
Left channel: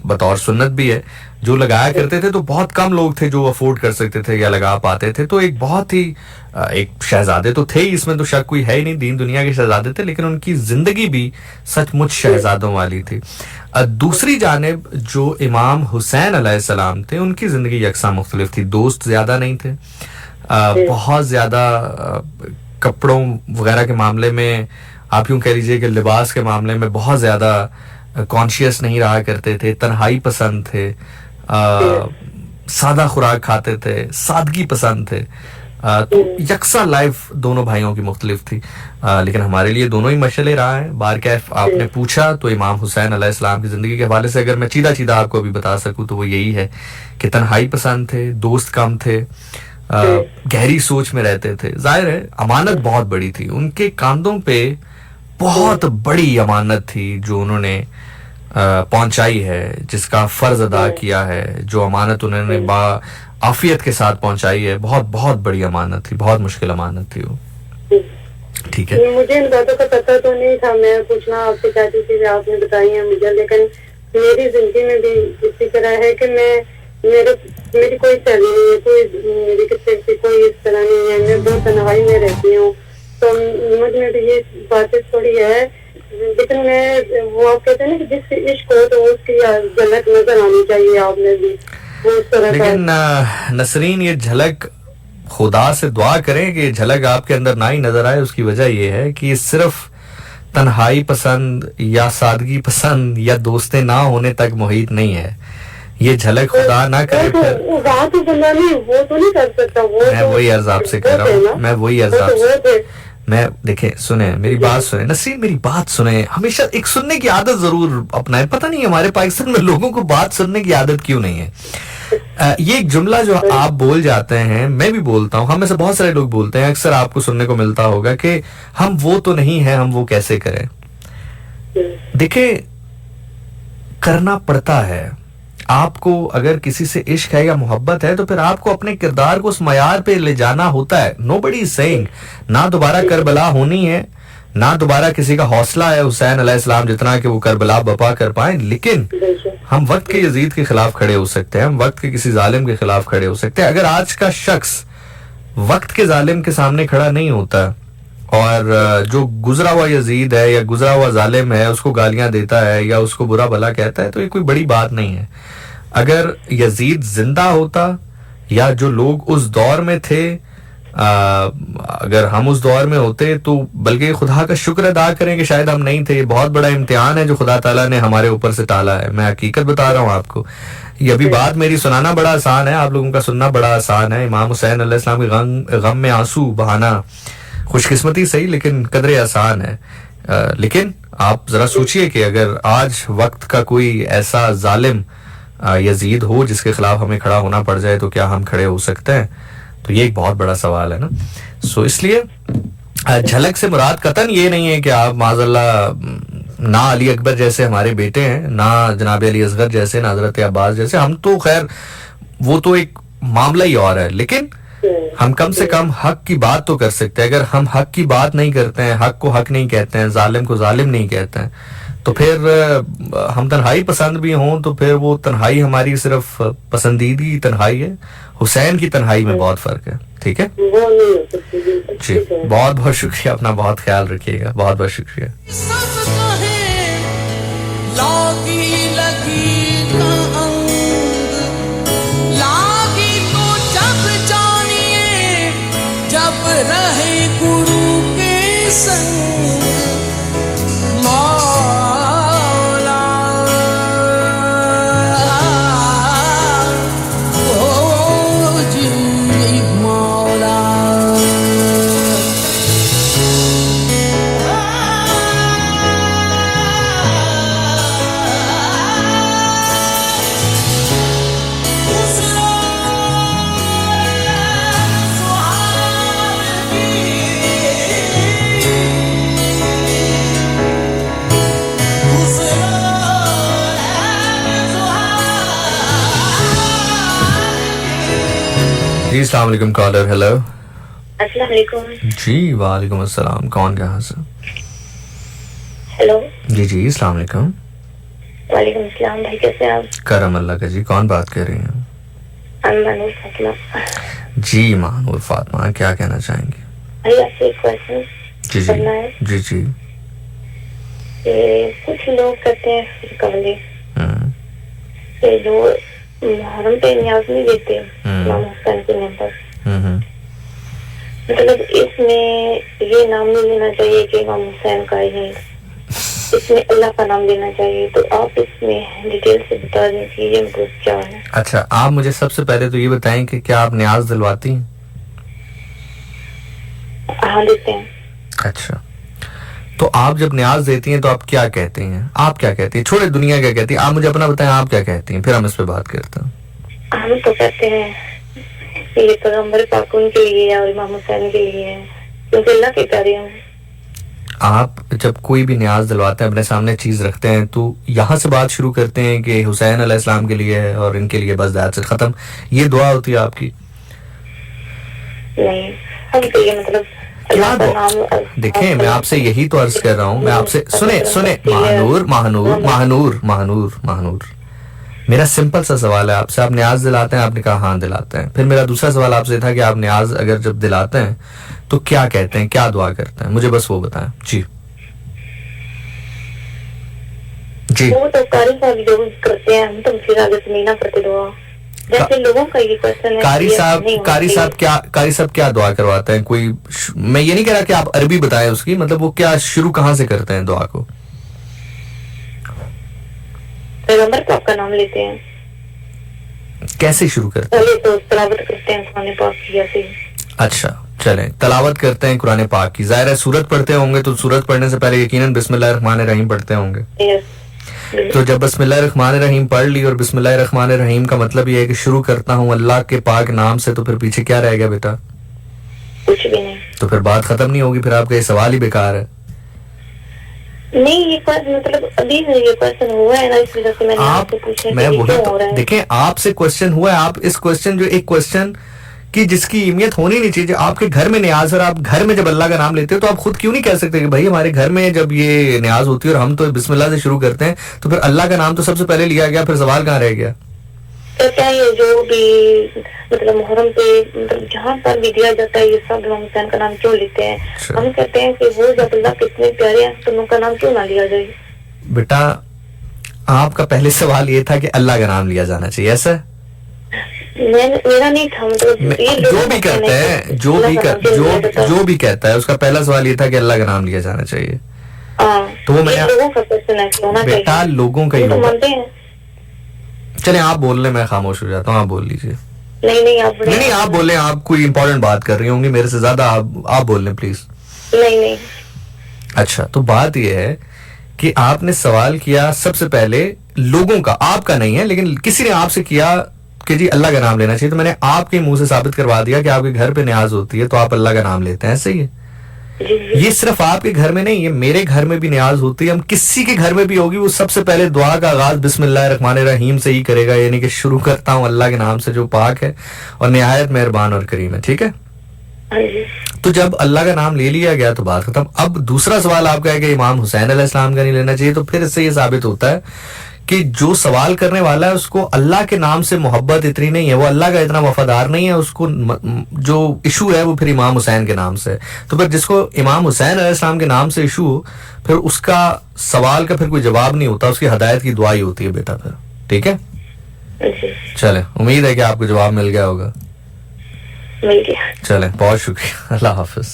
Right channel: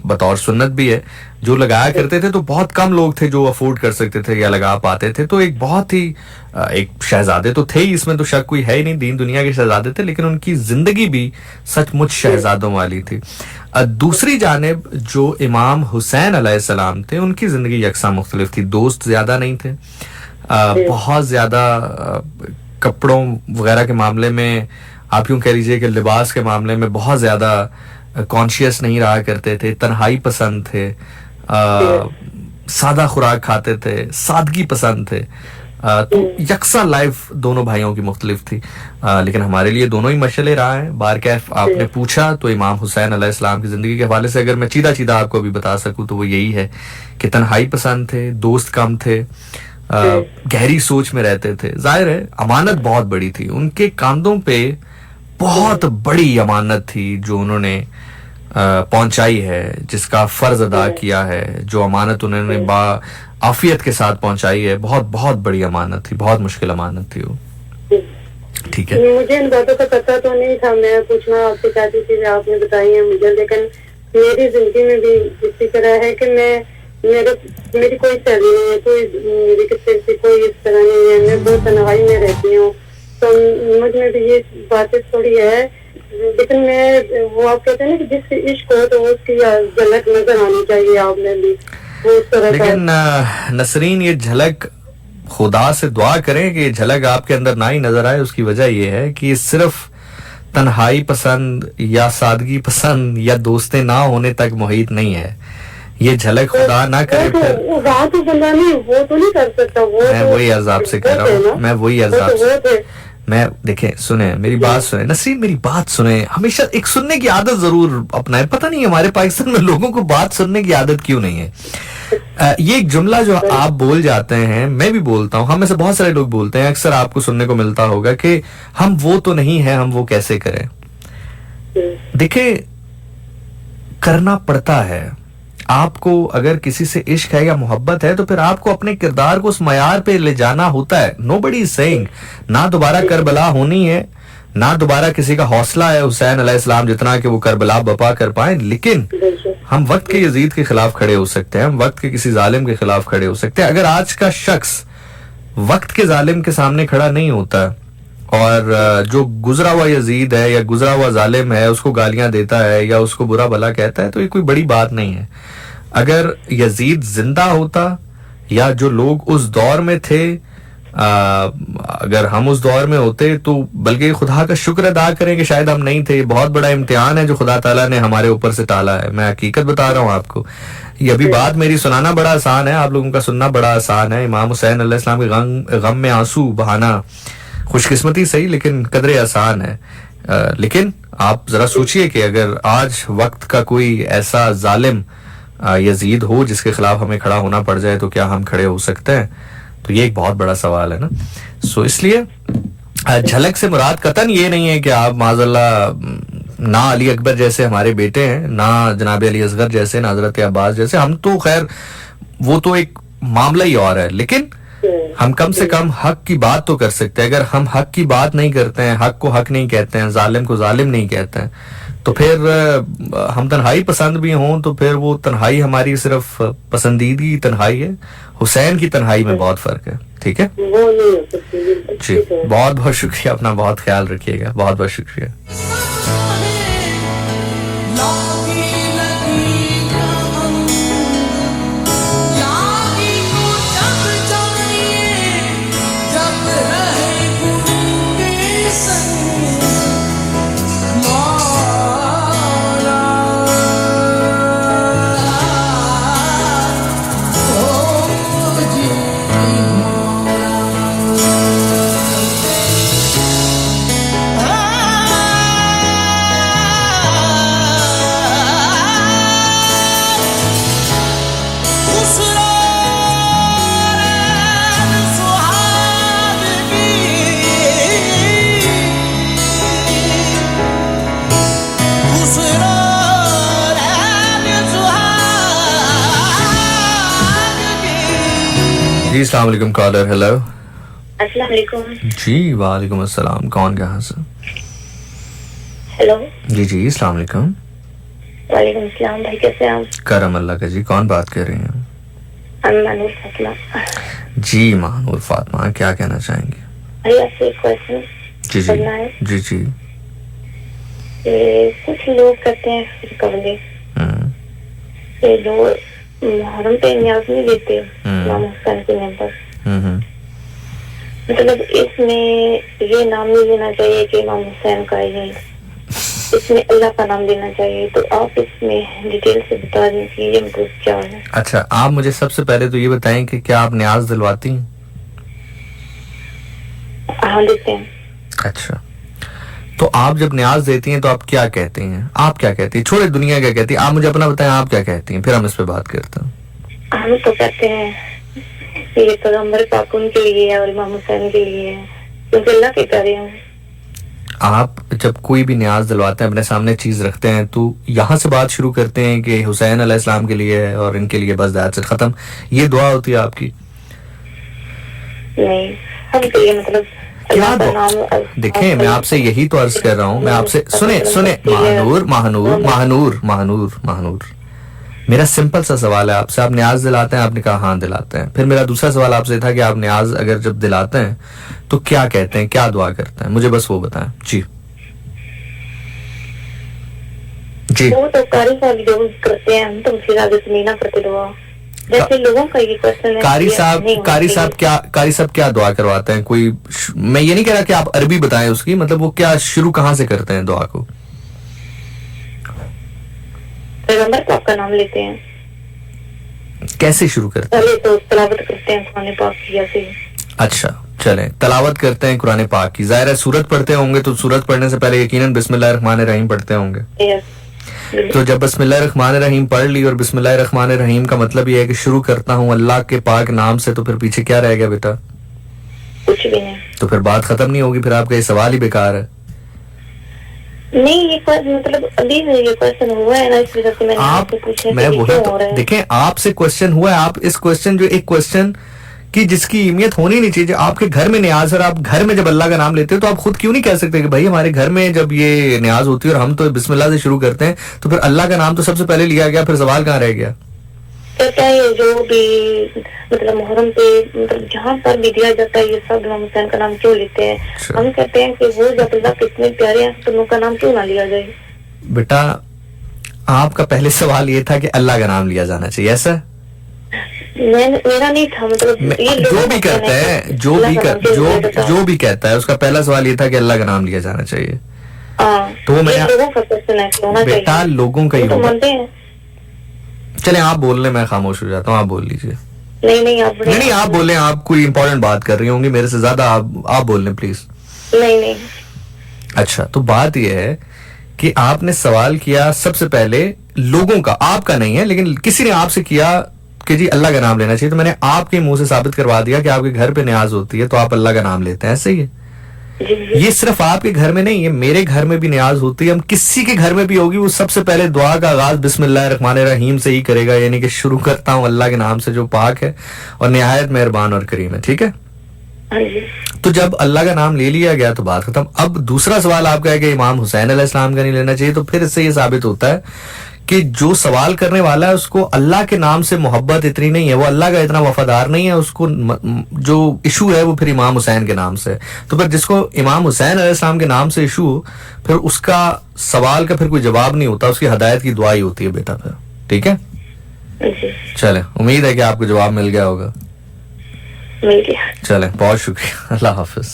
बतौर सुन्नत भी है जो लगाया करते थे, तो बहुत कम लोग थे जो अफोर्ड कर सकते थे या लगा पाते थे। तो एक बहुत ही एक शहजादे तो थे ही, इसमें तो शक कोई है ही नहीं, दीन दुनिया के शहजादे थे, लेकिन उनकी जिंदगी भी सचमुच शहजादों वाली थी। दूसरी जानिब जो इमाम हुसैन अलैहिस्सलाम थे, उनकी जिंदगी यकसा मुख्तलिफ थी। दोस्त ज्यादा नहीं थे, बहुत ज्यादा कपड़ों वगैरह के मामले में, आप यूं कह लीजिए कि लिबास के मामले में बहुत ज्यादा कॉन्शियस नहीं रहा करते थे, तन्हाई पसंद थे, सादा खुराक खाते थे, सादगी पसंद थे। तो यकसा लाइफ दोनों भाइयों की मुख्तलिफ थी, लेकिन हमारे लिए दोनों ही मशले रहा है। बारकैफ आपने पूछा तो इमाम हुसैन अलैहिस्सलाम की जिंदगी के हवाले से अगर मैं चीदा चीदा आपको अभी बता सकूं तो वो यही है कि तन्हाई पसंद थे, दोस्त कम थे, गहरी सोच में रहते थे। जाहिर है अमानत बहुत बड़ी थी, उनके कांधों पे बहुत बड़ी अमानत थी जो उन्होंने पहुंचाई है, जिसका फर्ज अदा किया है, जो अमानत उन्होंने आफियत के साथ पहुंचाई है, बहुत बहुत बड़ी अमानत थी, बहुत मुश्किल अमानत थी वो। ठीक है, मुझे इन बातों का पता तो नहीं था, मैं पूछना आपसे चाहती थी, आपने बताई है मुझे, लेकिन मेरी जिंदगी में भी इसी तरह है कि मेरी कोई सहेली नहीं है, कोई मेरी किसी से कोई इस तरह नहीं है, मैं बहुत तन्हाई में रहती हूँ, तो मुझ में भी ये बातें थोड़ी है, लेकिन मैं वो आप कहते हैं ना कि जिससे इश्क हो तो उसकी झलक नजर आनी चाहिए आप में भी, वो उस तरह। लेकिन नसरीन ये झलक खुदा से दुआ करें कि ये झलक आपके अंदर ना ही नजर आए। उसकी वजह ये है कि ये सिर्फ तन्हाई पसंद या सादगी पसंद या दोस्तें ना होने तक मुहित नहीं है। ये झलक खुदा ना करे फिर वो बात तो बंदा नहीं, वो तो नहीं कर सकता। वो मैं तो वही अर्ज आपसे कह रहा हूँ, मैं वही अर्ज आपसे मैं देखें सुने मेरी बात सुने नसीर, मेरी बात सुने। हमेशा एक सुनने की आदत जरूर अपनाएं। पता नहीं हमारे पाकिस्तान में लोगों को बात सुनने की आदत क्यों नहीं है। ये एक जुमला जो आप बोल जाते हैं, मैं भी बोलता हूँ, हम में से बहुत सारे लोग बोलते हैं, अक्सर आपको सुनने को मिलता होगा कि हम वो तो नहीं है, हम वो कैसे करें। देखिए करना पड़ता है। आपको अगर किसी से इश्क है या मोहब्बत है तो फिर आपको अपने किरदार को उस मयार पे ले जाना होता है। नोबडी इज सेइंग ना दोबारा करबला होनी है, ना दोबारा किसी का हौसला है हुसैन अलैहिस्सलाम जितना कि वो करबला बपा कर पाए, लेकिन हम वक्त के यजीद के खिलाफ खड़े हो सकते हैं, हम वक्त के किसी जालिम के खिलाफ खड़े हो सकते हैं। अगर आज का शख्स वक्त के जालिम के सामने खड़ा नहीं होता और जो गुजरा हुआ यजीद है या गुजरा हुआ जालिम है उसको गालियां देता है या उसको बुरा भला कहता है, तो ये कोई बड़ी बात नहीं है। अगर यजीद जिंदा होता या जो लोग उस दौर में थे, अगर हम उस दौर में होते तो बल्कि खुदा का शुक्र अदा करें कि शायद हम नहीं थे। बहुत बड़ा इम्तिहान है जो खुदा ताला ने हमारे ऊपर से टाला है। मैं हकीकत बता रहा हूँ आपको। ये अभी बात मेरी सुनाना बड़ा आसान है, आप लोगों का सुनना बड़ा आसान है। इमाम हुसैन अलैहिस्सलाम के गम में आंसू बहाना खुशकिस्मती सही लेकिन कदरे आसान है। लेकिन आप जरा सोचिए कि अगर आज वक्त का कोई ऐसा जालिम यजीद हो जिसके खिलाफ हमें खड़ा होना पड़ जाए तो क्या हम खड़े हो सकते हैं? तो ये एक बहुत बड़ा सवाल है ना। सो इसलिए झलक से मुराद कतन ये नहीं है कि आप माज़अल्लाह ना अली अकबर जैसे हमारे बेटे हैं, ना जनाब अली असगर जैसे, ना हजरत अब्बास जैसे। हम तो खैर वो तो एक मामला ही और है, लेकिन हम कम से कम हक की बात तो कर सकते हैं। अगर हम हक की बात नहीं करते हैं, हक को हक नहीं कहते हैं, जालिम को जालिम नहीं कहते हैं, तो फिर हम तन्हाई पसंद भी हों तो फिर वो तन्हाई हमारी सिर्फ पसंदीदी तन्हाई है। हुसैन की तन्हाई में बहुत फर्क है। ठीक है जी, बहुत बहुत शुक्रिया, अपना बहुत ख्याल रखिएगा, बहुत बहुत शुक्रिया। जी अस्सलाम वालेकुम कॉलर। हेलो। अस्सलाम वालेकुम। जी वालेकुम अस्सलाम। कौन कहाँ से? हेलो। जी जी अस्सलाम वालेकुम। वालेकुम अस्सलाम भाई, कैसे आप? करम अल्लाह का जी। कौन बात कर रही हैं? मानूर फातिमा। जी मानूर फातिमा, क्या कहना चाहेंगे? भाई आपसे एक क्वेश्चन जी जी करना है। जी जी। कुछ लोग कहते हैं कवले जो मुहर्रम पे न्याज नहीं देते इमाम हुसैन के नाम पर, मतलब इसमें ये नाम नहीं लेना चाहिए कि इमाम हुसैन का है, इसमें अल्लाह का नाम लेना चाहिए। तो आप इसमें डिटेल से बता दें कि ये मतलब क्या है। अच्छा, आप मुझे सबसे पहले तो ये बताएं कि क्या आप न्याज दिलवाती हैं? हाँ देते हैं। अच्छा, तो आप जब न्याज देती हैं तो आप क्या कहती हैं? आप क्या कहती हैं? छोड़े दुनिया क्या कहती है, आप मुझे अपना बताएं, आप क्या कहती हैं, फिर हम इस पे बात करते हैं। हम तो कहते हैं ये पैगंबर पाक उनके लिए है और इमाम हुसैन के लिए है, क्योंकि अल्लाह के प्यारे हैं। आप जब कोई भी न्याज दिलवाते हैं, अपने सामने चीज रखते हैं, तो यहाँ से बात शुरू करते हैं कि हुसैन अलैहिस्सलाम के लिए है और इनके लिए, बस दैट्स इट, खत्म। ये दुआ होती है आपकी? नहीं, हम तो ये मतलब क्या देखें, मैं आपसे यही तो अर्ज कर रहा हूँ, मैं आपसे सुने महानूर, मेरा सिंपल सा सवाल है आपसे। आप न्याज दिलाते हैं? आपने कहा हाँ दिलाते हैं। फिर मेरा दूसरा सवाल आपसे था कि आप न्याज अगर जब दिलाते हैं तो क्या कहते हैं, क्या दुआ करते हैं? मुझे बस वो बताएं। जी जी। वो तो कारी साहब जो करते हैं, हम तो फिर आगे से नहीं ना करते दुआ। जैसे लोगों का ये क्वेश्चन है। कारी ये साहब नहीं होना कारी साहब चाहिए। क्या कारी साहब क्या दुआ करवाते हैं? कोई मैं ये नहीं कह रहा कि आप अरबी बताएं उसकी, मतलब वो क्या शुरू कहाँ से करते हैं दुआ को? पैगंबर का आपका नाम लेते हैं, कैसे शुरू करते हैं? पहले तो तलावत करते हैं कुरान पाक की या फिर अच्छा चलें, तलावत करते हैं कुरान पाक की। जाहिर है सूरत पढ़ते होंगे तो सूरत पढ़ने से पहले यकीनन बिस्मिल्लाहिर्रहमानिर्रहीम पढ़ते होंगे। यस। तो जब बिस्मिल्लाहिर्रहमानिर्रहीम पढ़ ली और बिस्मिल्लाहिर्रहमानिर्रहीम का मतलब ये है कि शुरू करता हूँ अल्लाह के पाक नाम से, तो फिर पीछे क्या रह गया बेटा? कुछ भी नहीं। तो फिर बात खत्म नहीं होगी, फिर आपका ये सवाल ही बेकार है। नहीं ये मतलब अभी ये क्वेश्चन हुआ है ना, इस वजह से मैंने आप आपसे पूछा मैं कि वही क्यों हो तो रहा है। देखें, आपसे क्वेश्चन हुआ है, आप इस क्वेश्चन जो एक क्वेश्चन कि जिसकी अहमियत होनी नहीं चाहिए। आपके घर में न्याज, और आप घर में जब अल्लाह का नाम लेते हो तो आप खुद क्यों नहीं कह सकते कि भाई हमारे घर में जब ये न्याज होती है और हम तो बिस्मिल्लाह से शुरू करते हैं, तो फिर अल्लाह का नाम तो सबसे पहले लिया गया, फिर सवाल कहाँ रह गया? कहता है ये जो भी मतलब मुहर्रम पे मतलब जहाँ पर भी दिया जाता है ये सब इमाम हुसैन का नाम क्यों लेते हैं? अच्छा। हम कहते हैं कि वो जब अल्लाह के इतने प्यारे हैं तो उनका नाम क्यों ना लिया जाए? बेटा आपका पहले सवाल ये था कि अल्लाह का नाम लिया जाना चाहिए, ऐसा? मेरा नहीं था, मतलब ये जो लोगों भी का कहते कहना है हैं, कि अल्लाह का नाम क्यों लिया जाता है? जो भी कहता है उसका पहला सवाल ये था कि अल्लाह का नाम लिया जाना चाहिए। हाँ, तो वो ये मैंने- लोगों का क्वेश्चन है कि होना बेटा चाहिए। लोगों का ही हम तो होगा। मानते हैं। चले आप बोल लें, मैं खामोश हो जाता हूँ, आप बोल लीजिए। नहीं आप नहीं आप बोलें, आप कोई इंपॉर्टेंट बात कर रही होंगी मेरे से ज्यादा, आप बोल लें प्लीज। नहीं अच्छा तो बात यह है कि आपने सवाल किया सबसे पहले लोगों का, आपका नहीं है, लेकिन किसी ने आपसे किया कि जी अल्लाह का नाम लेना चाहिए, तो मैंने आपके मुंह से साबित करवा दिया कि आपके घर पे न्याज होती है तो आप अल्लाह का नाम लेते हैं, ऐसे ही है। जी ये सिर्फ आपके घर में नहीं है, मेरे घर में भी न्याज होती है, हम किसी के घर में भी होगी, वो सबसे पहले दुआ का आगाज बिस्मिल्लाहिर्रहमानिर्रहीम से ही करेगा, यानी कि शुरू करता हूँ अल्लाह के नाम से जो पाक है और निहायत मेहरबान और करीम है, ठीक है? हाँ जी। तो जब अल्लाह का नाम ले लिया गया तो बात खत्म। अब दूसरा सवाल आपका है कि इमाम हुसैन अलैहिस्सलाम का नहीं लेना चाहिए, तो फिर इससे ये साबित होता है कि जो सवाल करने वाला है उसको अल्लाह के नाम से मोहब्बत इतनी नहीं है, वो अल्लाह का इतना वफादार नहीं है, उसको जो इशू है वो फिर इमाम हुसैन के नाम से। तो फिर जिसको इमाम हुसैन अलैहिस्सलाम के नाम से इशू हो, फिर उसका सवाल का फिर कोई जवाब नहीं होता, उसकी हदायत की दुआ ही होती है बेटा फिर, ठीक है? जी चले, उम्मीद है कि आपको जवाब मिल गया होगा। मिल गया। चले, बहुत शुक्रिया, अल्लाह हाफिज।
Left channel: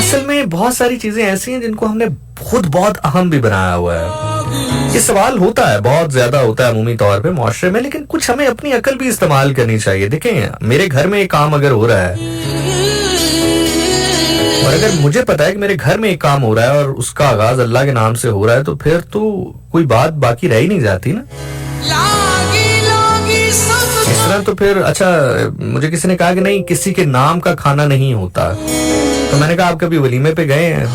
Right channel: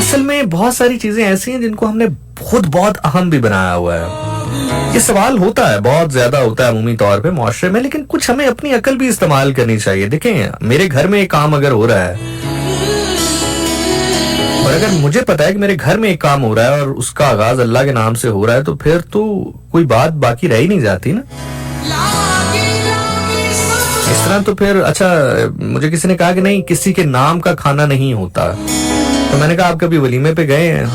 असल में बहुत सारी चीजें ऐसी हैं जिनको हमने खुद बहुत अहम भी बनाया हुआ है। ये सवाल होता है, बहुत ज्यादा होता है अमूमी तौर पे मुआशरे में, लेकिन कुछ हमें अपनी अकल भी इस्तेमाल करनी चाहिए। देखें मेरे घर में एक काम अगर हो रहा है और अगर मुझे पता है कि मेरे घर में एक काम हो रहा है और उसका आगाज अल्लाह के नाम से हो रहा है, तो फिर तो कोई बात बाकी रह ही नहीं जाती ना। इस तरह तो फिर अच्छा, मुझे किसी ने कहा कि नहीं किसी के नाम का खाना नहीं होता, तो मैंने कहा आप कभी वलीमे पे गए हैं?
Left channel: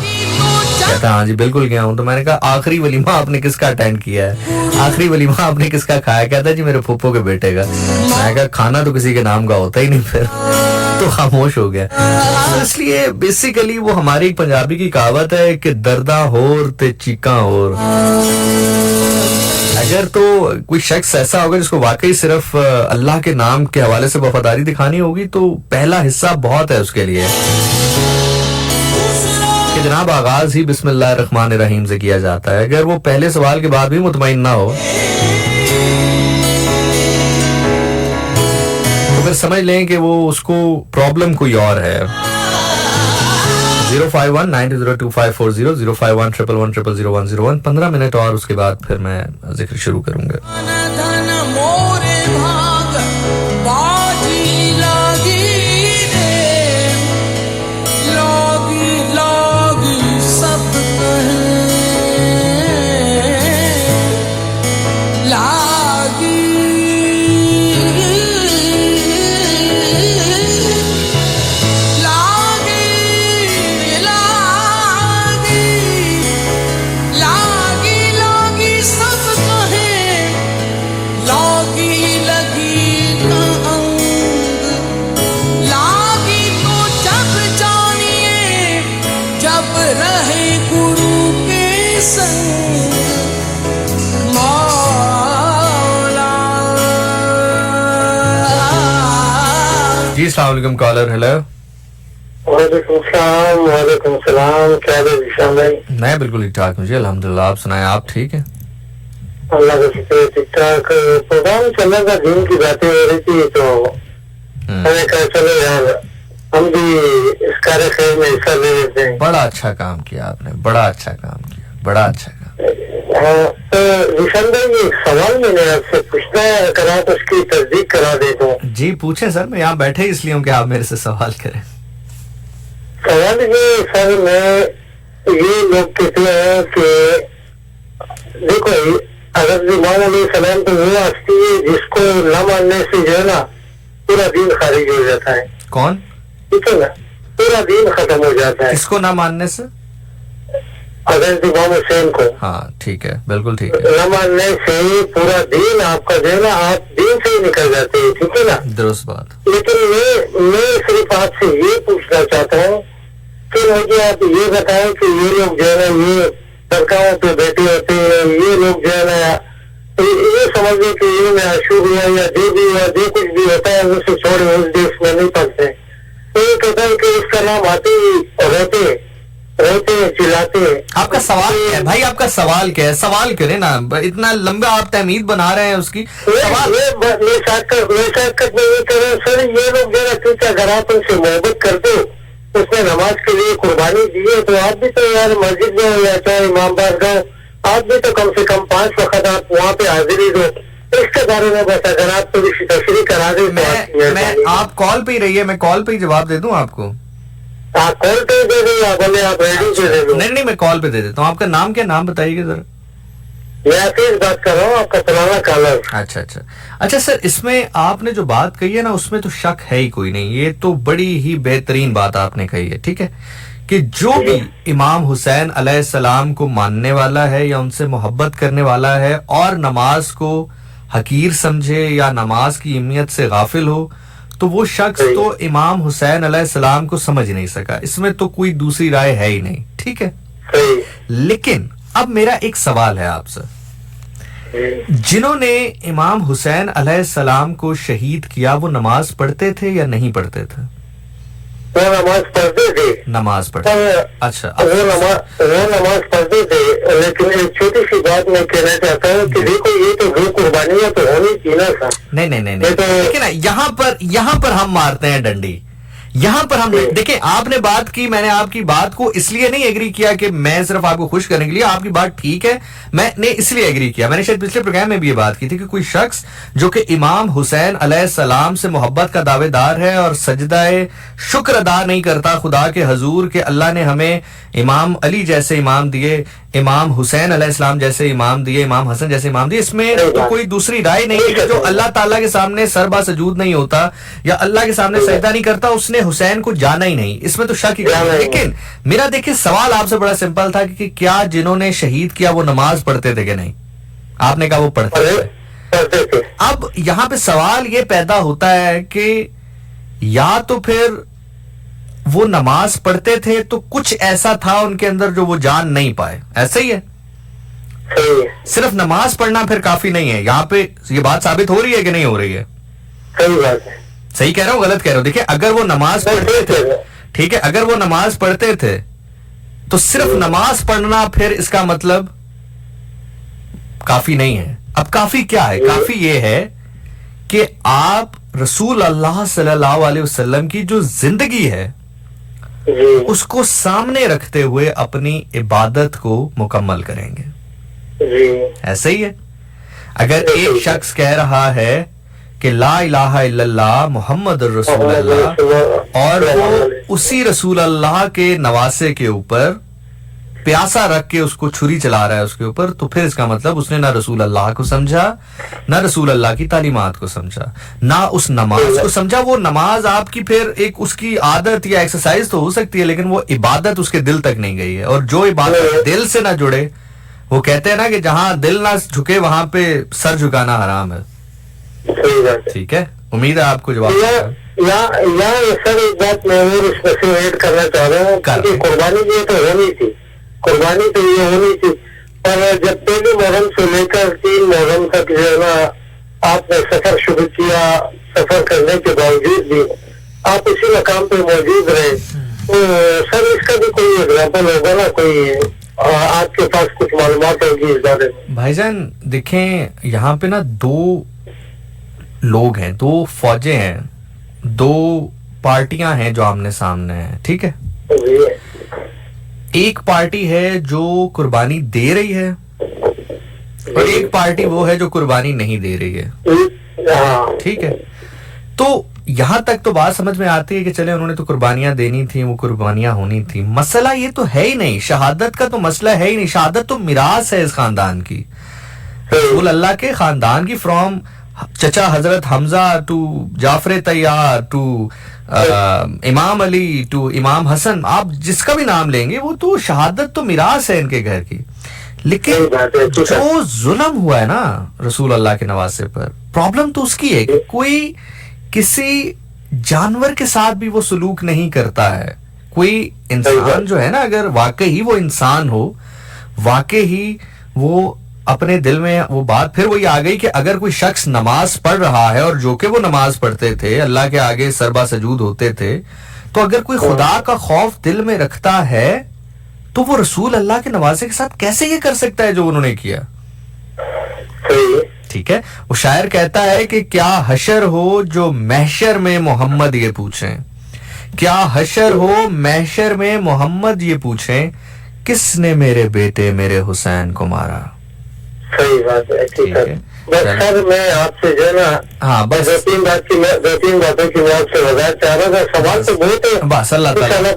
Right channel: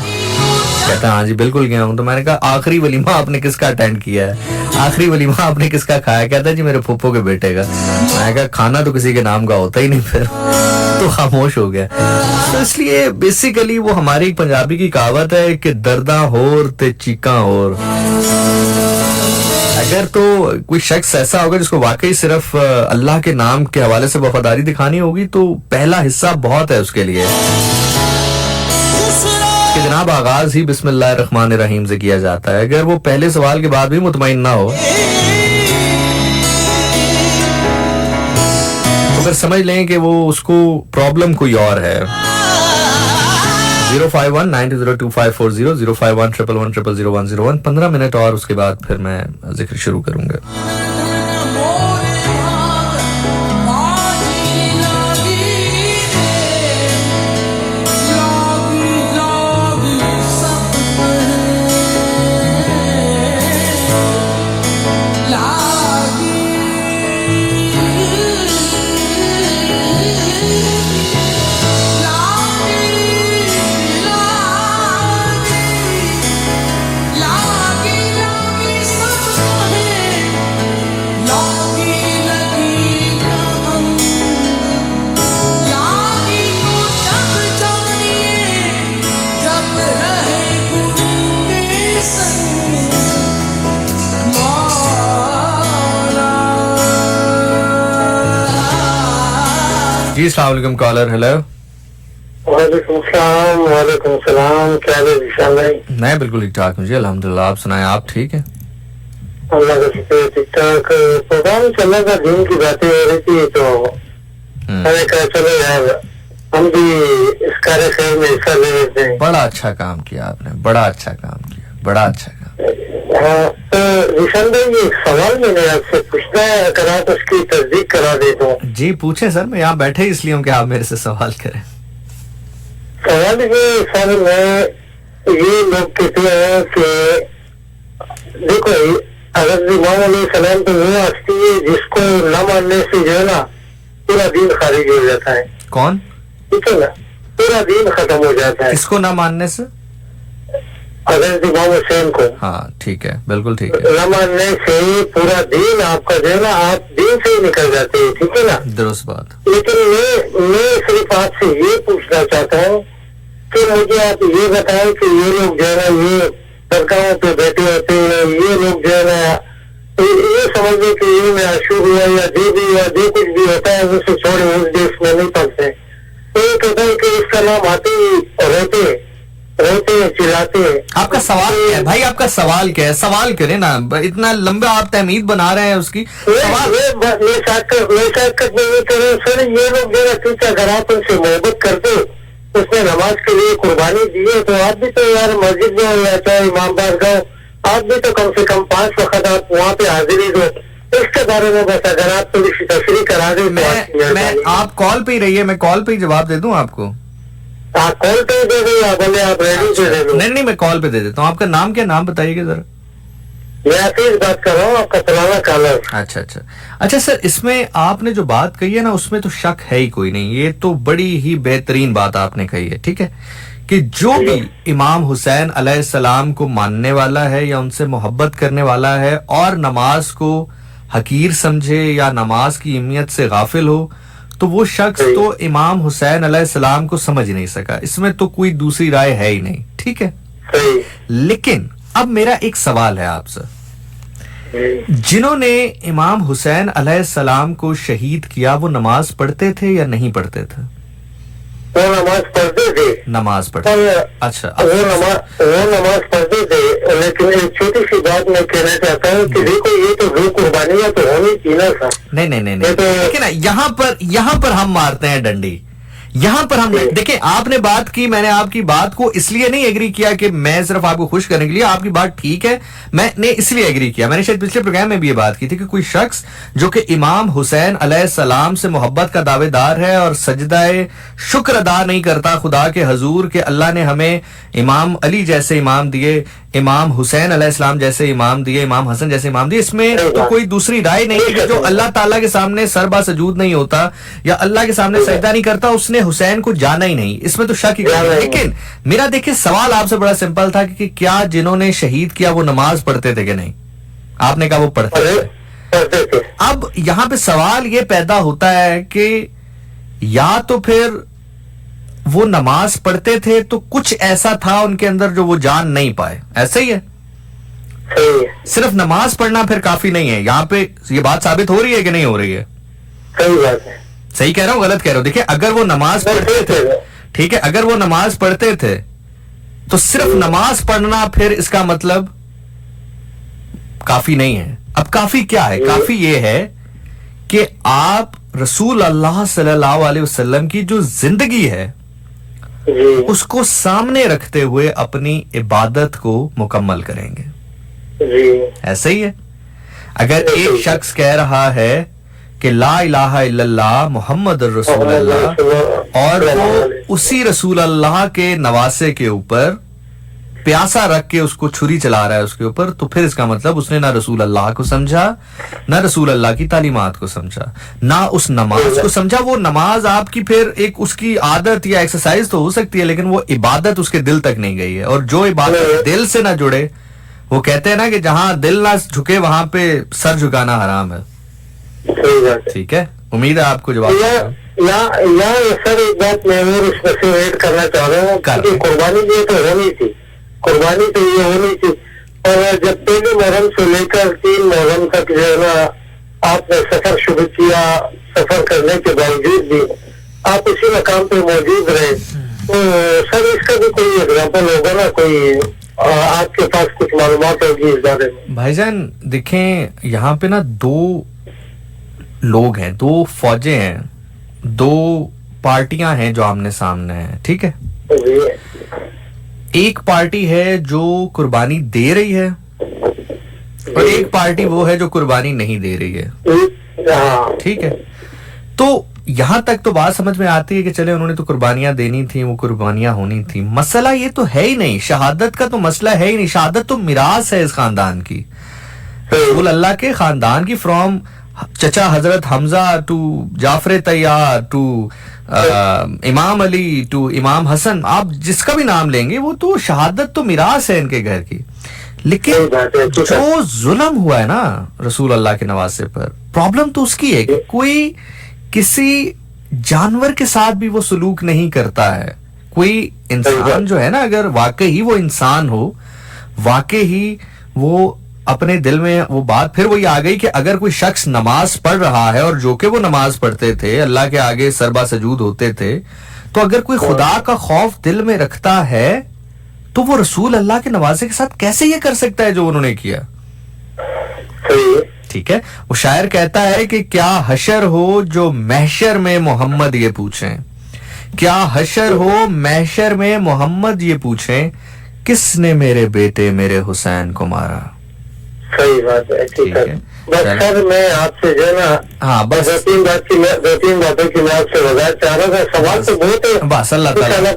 कहता हाँ जी बिल्कुल गया हूँ। तो मैंने कहा आखिरी वलीमा आपने किसका अटेंड किया है, आखिरी वलीमा आपने किसका खाया? कहता जी मेरे फूफो के बेटे का। मैंने कहा खाना तो किसी के नाम का होता ही नहीं, फिर तो खामोश हो गया। तो इसलिए बेसिकली वो हमारी एक पंजाबी की कहावत है कि दर्दा होर ते चीका होर। अगर तो कोई शख्स ऐसा होगा जिसको वाकई सिर्फ अल्लाह के नाम के हवाले से वफादारी दिखानी होगी, तो पहला हिस्सा बहुत है उसके लिए कि जनाब आगाज ही बिस्मिल्लाहिर्रहमानिर्रहीम से किया जाता है। अगर वो पहले सवाल के बाद भी मुतमईन ना हो तो फिर समझ लें कि वो उसको प्रॉब्लम कोई और है। 051-902540 051-111-00101। 15 मिनट और उसके बाद फिर मैं जिक्र शुरू करूंगा। जी अस्सलाम वालेकुम कॉलर। हेलो। वालेकुम सलाम। क्या हाल है जिशान भाई? मैं बिल्कुल ठीक ठाक हूँ जी, अल्हम्दुलिल्लाह। आप सुनाएं, आप ठीक हैं? अल्लाह का शुक्र है, ठीक ठाक प्रोग्राम चल रहा था, दिन की बातें हो रही थी तो मैंने कहा चलो यार हम भी इस कार्यक्रम में हिस्सा ले लेते हैं। बड़ा अच्छा काम किया आपने, बड़ा अच्छा काम किया, बड़ा अच्छा काम। हाँ, तो निशान भाई ये सवाल मैंने आपसे पूछना करा तो उसकी तस्दीक करा देता हूँ। जी पूछे सर, मैं यहाँ बैठे इसलिए हूँ कि आप मेरे से सवाल करें। सवाल ये सर, मैं ये लोग कहते हैं कि देखो हज़रत इमाम अलैहिस्सलाम तो वो हस्ती है जिसको न मानने से जो है ना पूरा दीन खारिज हो जाता है। कौन? ठीक है ना, पूरा दीन खत्म हो जाता है। किसको ना मानने से? हज़रत इमाम हुसैन को। हाँ ठीक है, बिल्कुल ठीक है। न मानने से पूरा दीन आपका जो है ना, आप दीन से ही निकल जाते हैं। ठीक है ना, दुरुस्त बात। लेकिन मैं सिर्फ आपसे ये पूछना चाहता हूँ कि मुझे आप ये बताएं कि ये लोग जो है ना ये सरकारों पे बैठे होते हैं, ये लोग जो है ना ये समझ लो कि ये में अशुभ हुआ या जो भी हुआ, जो कुछ भी होता है उसे छोड़े, उस देश में नहीं पढ़ते। तो ये कहता है कि इसका नाम आते ही रोते चिल्लाते हैं। आपका सवाल क्या है भाई? आपका सवाल क्या है? सवाल करें ना, इतना लंबा आप तहमीद बना रहे हैं उसकी। सवाल मैं सर ये लोग जो है ना, अगर आप उनसे मोहब्बत करते उसने नमाज के लिए कुर्बानी दी है तो आप भी तो यार मस्जिद में या चाहे इमाम बारगाह, आप भी तो कम से कम 5 वक्त आप वहाँ पे हाजिरी दो। इसके बारे में बस अगर आप थोड़ी सी तशरीह करा दें। मैं आप कॉल पे ही रहिए, मैं कॉल पे ही जवाब दे दूं आपको। आप कॉल पे दे दो या बोले आप रेडी से दे दो। नहीं मैं कॉल पे दे देता हूँ। आपका नाम क्या? नाम बताइएगा जरा। मैं आपसे बात कर रहा हूँ, आपका पुराना कॉलर। अच्छा सर, इसमें आपने जो बात कही है ना उसमें तो शक है ही कोई नहीं। ये तो बड़ी ही बेहतरीन बात आपने कही है, ठीक है, कि जो भी इमाम हुसैन अलैहिस्सलाम को मानने वाला है या उनसे मोहब्बत करने वाला है और नमाज को हकीर समझे या नमाज की अहमियत से गाफिल हो, तो वो शख्स तो इमाम हुसैन अलैहिस्सलाम को समझ नहीं सका। इसमें तो कोई दूसरी राय है ही नहीं, ठीक है। लेकिन अब मेरा एक सवाल है आपसे, जिन्होंने इमाम हुसैन अलैहिस्सलाम को शहीद किया वो नमाज पढ़ते थे या नहीं पढ़ते थे? वो नमाज पढ़ते थे। नमाज पढ़ते। अच्छा, वो नमाज पढ़ते थे, लेकिन एक छोटी सी बात मैं कहना चाहता हूँ कि देखो ये तो दो कुर्बानियां तो होनी थी ना सर। नहीं देखिए ना, यहाँ पर हम मारते हैं डंडी। यहाँ पर हम देखिए, आपने बात की, मैंने आपकी बात को इसलिए नहीं एग्री किया कि मैं सिर्फ आपको खुश करने के लिए, आपकी बात ठीक है, मैंने इसलिए एग्री किया। मैंने शायद पिछले प्रोग्राम में भी ये बात की थी कि कोई शख्स जो कि इमाम हुसैन अलैहिस्सलाम से मोहब्बत का दावेदार है और सजदाए शुक्र अदा नहीं करता खुदा के हजूर के अल्लाह ने हमें इमाम अली जैसे इमाम दिए, इमाम हुसैन अलैहिस्सलाम जैसे इमाम दिए, इमाम हसन जैसे इमाम दिए, इसमें तो कोई दूसरी राय नहीं है कि जो अल्लाह ताला के सामने सरबा सजूद नहीं होता या अल्लाह के सामने सजदा नहीं करता उसने हुसैन को जाना ही नहीं। इसमें तो शक ही नहीं। लेकिन मेरा देखिए सवाल आपसे बड़ा सिंपल था कि क्या जिन्होंने शहीद किया वो नमाज पढ़ते थे कि नहीं? आपने कहा वो पढ़ते थे। अब यहाँ पे सवाल ये पैदा होता है कि या तो फिर वो नमाज पढ़ते थे तो कुछ ऐसा था उनके अंदर जो वो जान नहीं पाए, ऐसा ही है। सिर्फ नमाज पढ़ना फिर काफी नहीं है। यहाँ पे ये बात साबित हो रही है कि नहीं हो रही है? सही बात है। सही कह रहा हूँ, गलत कह रहा हूँ? देखिए, अगर वो नमाज पढ़ते थे, ठीक है, अगर वो नमाज पढ़ते थे तो सिर्फ नमाज पढ़ना फिर इसका मतलब काफी नहीं है। अब काफी क्या है? काफी ये है कि आप रसूल अल्लाह सल्लल्लाहु अलैहि वसल्लम की जो जिंदगी है उसको सामने रखते हुए अपनी इबादत को मुकम्मल करेंगे। ऐसा ही है। अगर एक शख्स कह रहा है कि ला इलाहा इल्लल्लाह मुहम्मद रसूल अल्लाह और वो उसी रसूल अल्लाह के नवासे के ऊपर प्यासा रख के उसको छुरी चला रहा है उसके ऊपर, तो फिर इसका मतलब उसने ना रसूल अल्लाह को समझा, ना रसूल अल्लाह की तालीमात को समझा, ना उस नमाज को समझा। वो नमाज आपकी फिर एक उसकी आदत या एक्सरसाइज तो हो सकती है, लेकिन वो इबादत उसके दिल तक नहीं गई है। और जो इबादत दिल से ना जुड़े, वो कहते हैं ना कि जहां दिल ना झुके वहां पे सर झुकाना हराम है। ठीक है, उम्मीद है आपको जवाब। सर एक बात मैं और इसमें से ऐड करना चाह रहा हूँ कि कुर्बानी जो तो होनी थी, कुर्बानी तो ये होनी थी। और जब पहले मुहर्रम से लेकर 3 मुहर्रम तक जो है ना आपने सफर शुरू किया, सफर करने के बावजूद भी आप इसी मकाम पे मौजूद रहे, तो सर इसका भी कोई एग्जाम्पल होगा ना? कोई आपके पास कुछ मालूमात होगी इस बारे में। भाईजान देखें, यहाँ पे ना दो लोग हैं, दो फौजें हैं, दो पार्टियां हैं जो आमने सामने हैं, ठीक है। एक पार्टी है जो कुर्बानी दे रही है और एक पार्टी वो है जो कुर्बानी नहीं दे रही है, ठीक है। तो यहां तक तो बात समझ में आती है कि चले उन्होंने तो कुर्बानियां देनी थी, वो कुर्बानियां होनी थी। मसला ये तो है ही नहीं, शहादत का तो मसला है ही नहीं। शहादत तो मिरास है इस खानदान की, रसूल अल्लाह के खानदान की, फ्रॉम चचा हजरत हमजा टू जाफर तैयार टू इमाम अली टू इमाम हसन, आप जिसका भी नाम लेंगे वो तो शहादत तो मिरास है इनके घर की। लेकिन जो जुल्म हुआ है ना रसूल अल्लाह के नवासे पर, प्रॉब्लम तो उसकी है कि कोई किसी जानवर के साथ भी वो सलूक नहीं करता है। कोई इंसान जो है ना, अगर वाकई ही वो इंसान हो, वाकई ही वो अपने दिल में वो बात फिर वही आ गई कि अगर कोई शख्स नमाज पढ़ रहा है और जो कि वो नमाज पढ़ते थे, अल्लाह के आगे सरबा सजूद होते थे, तो अगर कोई खुदा का खौफ दिल में रखता है तो वो रसूल अल्लाह के नवाजे के साथ कैसे ये कर सकता है जो उन्होंने किया। ठीक है, वो शायर कहता है कि क्या हशर हो जो महशर में मोहम्मद ये पूछें, क्या हशर हो महशर में मोहम्मद ये पूछें, किसने मेरे बेटे मेरे हुसैन को मारा। सही बात है, ठीक है। बस सर मैं आपसे जो है ना, हाँ बस दो तीन बातों की मैं आपसे वजाहत चाह रहा था। सवाल तो बहुत है, बस अल्लाह ताला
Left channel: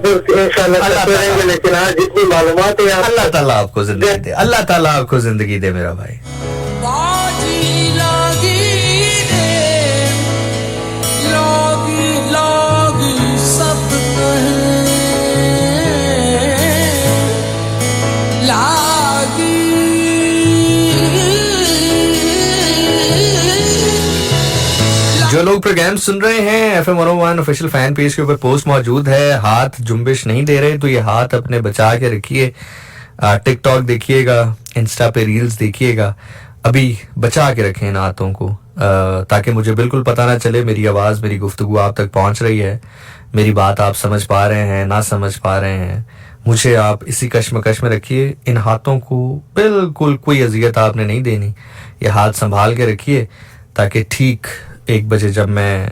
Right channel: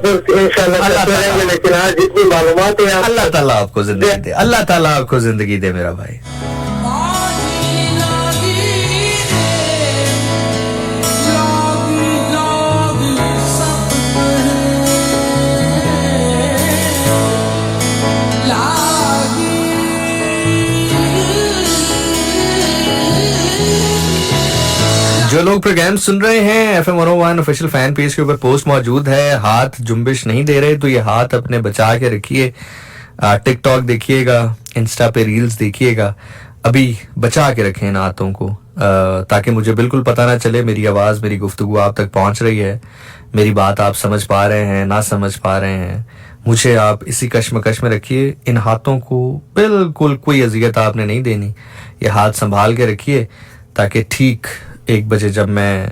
करेंगे, लेकिन आज जितनी मालूमात है अल्लाह ताला आपको जिंदगी दे, अल्लाह ताला आपको जिंदगी दे मेरा भाई। जो लोग प्रोग्राम सुन रहे हैं FM 101 ऑफिशियल फैन पेज के ऊपर पोस्ट मौजूद है, हाथ जुम्बिश नहीं दे रहे तो ये हाथ अपने बचा के रखिए। टिकटॉक देखिएगा, इंस्टा पे रील्स देखिएगा, अभी बचा के रखें इन हाथों को, ताकि मुझे बिल्कुल पता ना चले मेरी आवाज़, मेरी गुफ्तगू आप तक पहुंच रही है, मेरी बात आप समझ पा रहे हैं, ना समझ पा रहे हैं। मुझे आप इसी कश्मकश में रखिए। इन हाथों को बिल्कुल कोई अजियत आपने नहीं देनी, ये हाथ संभाल के रखिए ताकि ठीक 1 बजे जब मैं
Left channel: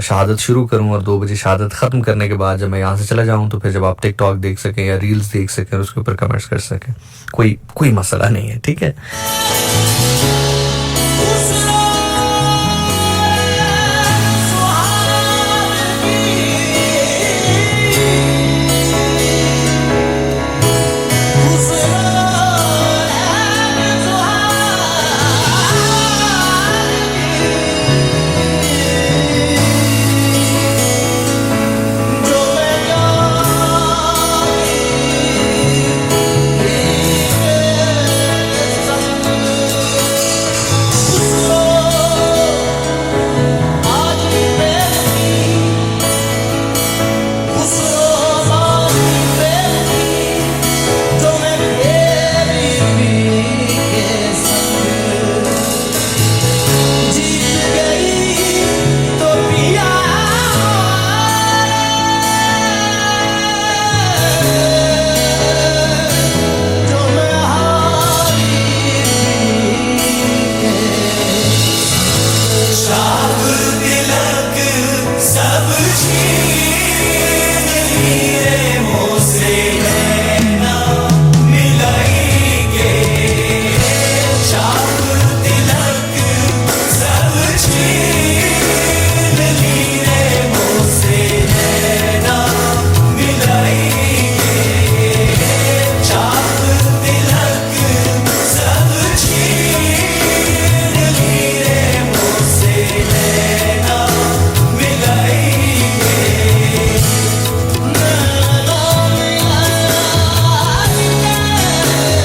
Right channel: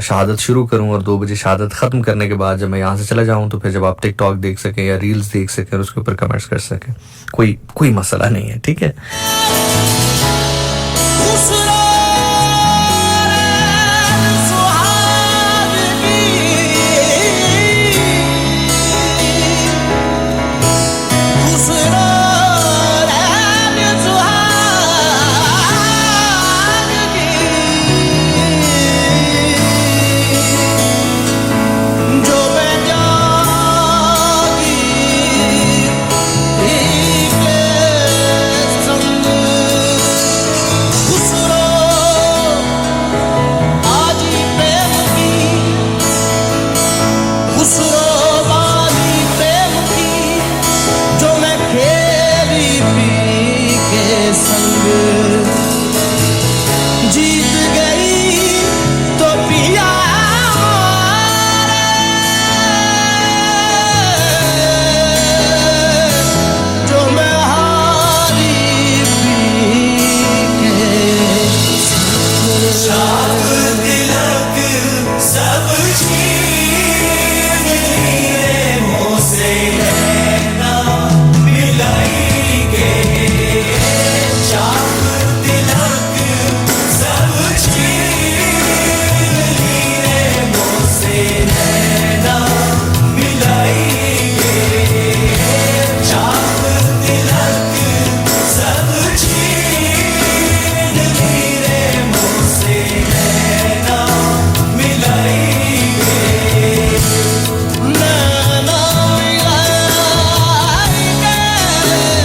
शहादत शुरू करूं और 2 बजे शहादत ख़त्म करने के बाद जब मैं यहाँ से चला जाऊं तो फिर जब आप टिकटॉक देख सकें या रील्स देख सकें और उसके ऊपर कमेंट्स कर सकें, कोई मसला नहीं है, ठीक है।